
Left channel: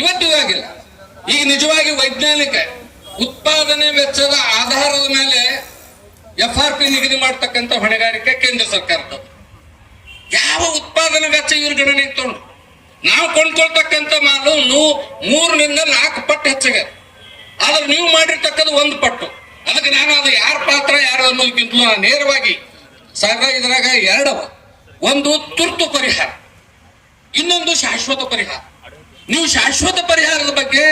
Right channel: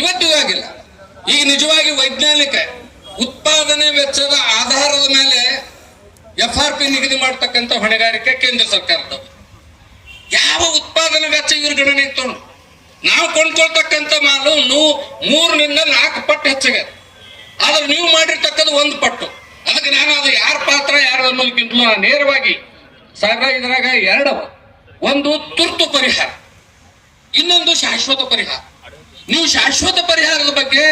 ಇವತ್ತಿಗೂ ಆಗಿಲ್ಲ. ಈಗ ನಿಜವಾಗಿ ವೈಜ್ಞಾನಿಕ ಉತ್ಪಾದನೆ ವೆಚ್ಚದ ಆಧಾರದ ಮೇಲೆ FRP ನಿಗದಿ ಮಾಡತಕ್ಕಂಥ ಹೊಣೆಗಾರಿಕೆ ಕೇಂದ್ರ ಸರ್ಕಾರದ. ಯಾವ ಉತ್ಪಾದನಾ ವೆಚ್ಚ ಇವ್ರ ಗಣನೆ ಇಟ್ಕೊಂಡು ನಾವು ಕೊಂಡ್ಕೊಳ್ತಕ್ಕಂಥ ಮಾಲು 3 ನಿಂದ 4 ಪಟ್ಟು ಹೆಚ್ಚಿಗೆ, ಆದ್ರೆ ನೀವು ಮಾಡಿರ್ತಕ್ಕದ್ದು 1 ಪಟ್ಟು. ಅದಕ್ಕೆ ನಾನು ಅದು ಯಾರ ಪಾತ್ರ ಯಾರು ಅನ್ನೋದಕ್ಕಿಂತಲೂ ನಾನು ನೇರವಾಗಿ ಇದ್ರಾಗ 2 ಒಂದು ತುರ್ತು ಪರಿಹಾರ, ಇನ್ನೊಂದು ಶಾಶ್ವತ ಪರಿಹಾರ. ನೀವು ಶಾಶ್ವತ ಪರಿಹಾರದ ಬಗ್ಗೆ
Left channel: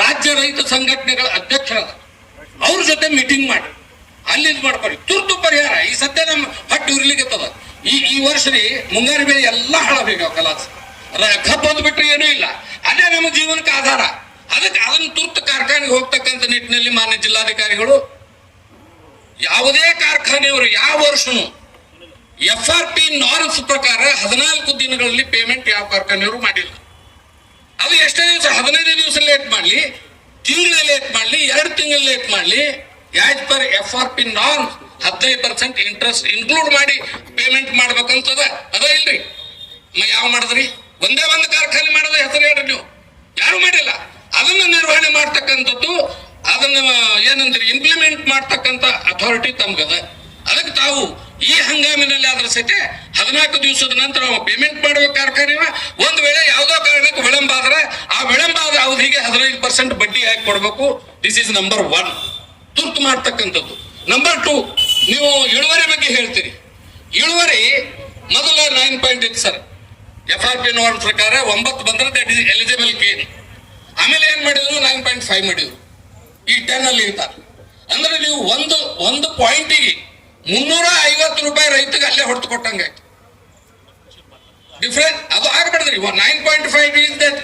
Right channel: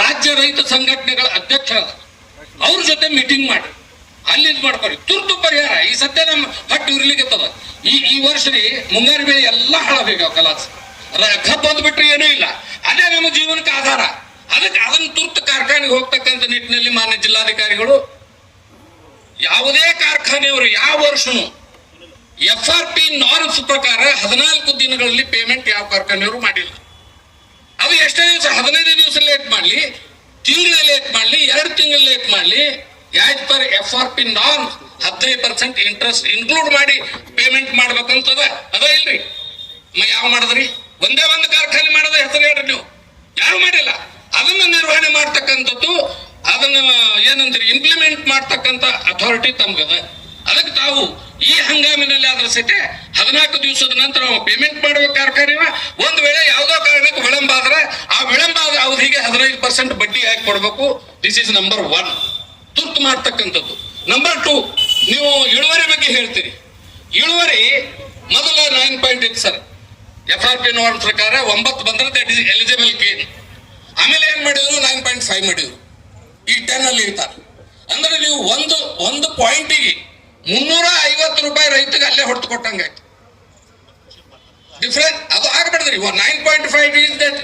ರಾಜ್ಯ ರೈತ ಸಂಘಟನೆಗಳ ಅಧ್ಯಕ್ಷರ ಅವ್ರ ಜೊತೆ ಮೀಟಿಂಗ್ ಮಾಡಿ ಅಲ್ಲಿ ಮಾಡ್ಕೊಳ್ಳಿ. ತುರ್ತು ಪರಿಹಾರ ಈ ಸದ್ಯ ನಮ್ಮ ಹಟ್ಟು ಇರ್ಲಿಕ್ಕೆ ಈ ವರ್ಷದಿ ಮುಂಗಾರು ಬೆಳೆ ಎಲ್ಲ ಹಾಳಾಗ ಕಲಾಸ ಕಬ್ಬು ಬಂದ್ಬಿಟ್ರೆ ಏನೂ ಇಲ್ಲ. ಅದೇ ನಮ್ಮ ಜೀವನಕ್ಕೆ ಆಧಾರ. ಅದಕ್ಕೆ ಅದನ್ನು ತುರ್ತು ಕಾರ್ಖಾನೆಗೆ ಹೋಗ್ತಕ್ಕಂಥ ನಿಟ್ಟಿನಲ್ಲಿ ಮಾನ್ಯ ಜಿಲ್ಲಾಧಿಕಾರಿಗಳು ಯಾವುದೇ ಕಾರ್ಖಾನೆಯವರು ಯಾವ ವರ್ಷನೂ FRP ನಾರ್ಮ್ಸ್ ಪ್ರಕಾರ 14 ದಿನಗಳಲ್ಲಿ ಪೇಮೆಂಟ್ ಯಾವ ಕಾರ್ಖಾನೆಯವರು ಮಾಡಿಲ್ಲ. ಅದು ಎಷ್ಟೇ ದಿವಸ, 15 ದಿವಸ ಲೇಟ್ ಮಾಡ್ಲಿ, ತಿಂಗಳ ಲೇಟ್ ಮಾಡ್ಲಿ, 2 ತಿಂಗಳ ಲೇಟ್ ಮಾಡ್ಲಿ, as per FRP norms 15% interest include ಮಾಡಿ ಪೇಮೆಂಟ್ ಮಾಡ್ಬೇಕಂತದ ಅದ ಇಲ್ರಿ. ಯಾವ ಮಾಡಿದ್ರಿ? ಒಂದೇ ಒಂದು ಕಾರ್ಖಾನೆ ಮಾಡೋದ ಹೆಸರು ಹೇಳ್ರಿ ನೀವು, ಯಾರು ಮಾಡಿಲ್ಲ. ಅದನ್ನ ನಿರ್ವಹಣೆ ಮಾಡ್ತಕ್ಕಂಥದ್ದು, ಅದನ್ನ ಏನಂತೀರಿ ಇಂಪ್ಲಿಮೆಂಟ್ ಮಾಡ್ತಕ್ಕಂಥ ಅಥಾರಿಟಿ ತಮ್ಗದ. ಅದಕ್ಕೆ ತಾವು ಈ ಹಂಗಾಮಿನಲ್ಲಿ ಆದ್ರ ಸಹಿತ 14 ದಿವಸದ ನಂತರ ನಾವು ಪೇಮೆಂಟ್ ಮಾಡಬೇಕು ಕಾರ್ಖಾನೆ. ಒಂದು ವೇಳೆ ಯಾವುದೋ ಕಾರಣಕ್ಕೆ ವಿಳಂಬ ಆದ್ರೆ ಆ ವಿಳಂಬ ಆದ ಅವಧಿಗೆ 15% ಬಡ್ಡಿ ಹಾಕಿ ಕೊಡ್ಬೇಕು. ದಿಸ್ ಇಸ್ ನಂಬರ್ 1 ತುರ್ತು ಮಾಡ್ತಕ್ಕಂಥದ್ದು. ನಂಬರ್ 2 ನೀವು ಇಳುವರಿ ಬಗ್ಗೆ ಹೇಳ್ತೀರಿ. ಇಳುವರಿ ಮೊದಲು 9 ಪಾಯಿಂಟ್ ಇತ್ತು ಸರ್, FRP ನೋಡ್ ಪ್ರಕಾರ 9 ಬಂದ್ರೆ ದಟ್ ಇಸ್ ಎಲಿಜಿಬಲ್ ಗೇನ್. ಆಮೇಲೆ ಏನ್ ಮಾಡಿದ್ರು 9.5 ಮಾಡಿದ್ರು. ಈ 10 ಅಲ್ಲಿ ಇರ್ತಾರೆ ಅಂದ್ರೆ ನೀವು ಒಂದು ಪಾಯಿಂಟಿಗೆ 350 ರೂಪಾಯಿ ರೈತಗೆ ಅಲ್ಲೇ ಹೊಡೆದು ಕೊಟ್ಟಂಗೆ ಡಿಫ್ರೆಂಟ್. ಅದು ಆಗ್ಬಿಡ್ರಿ 9.5 ಇಸ್ ದಟ್.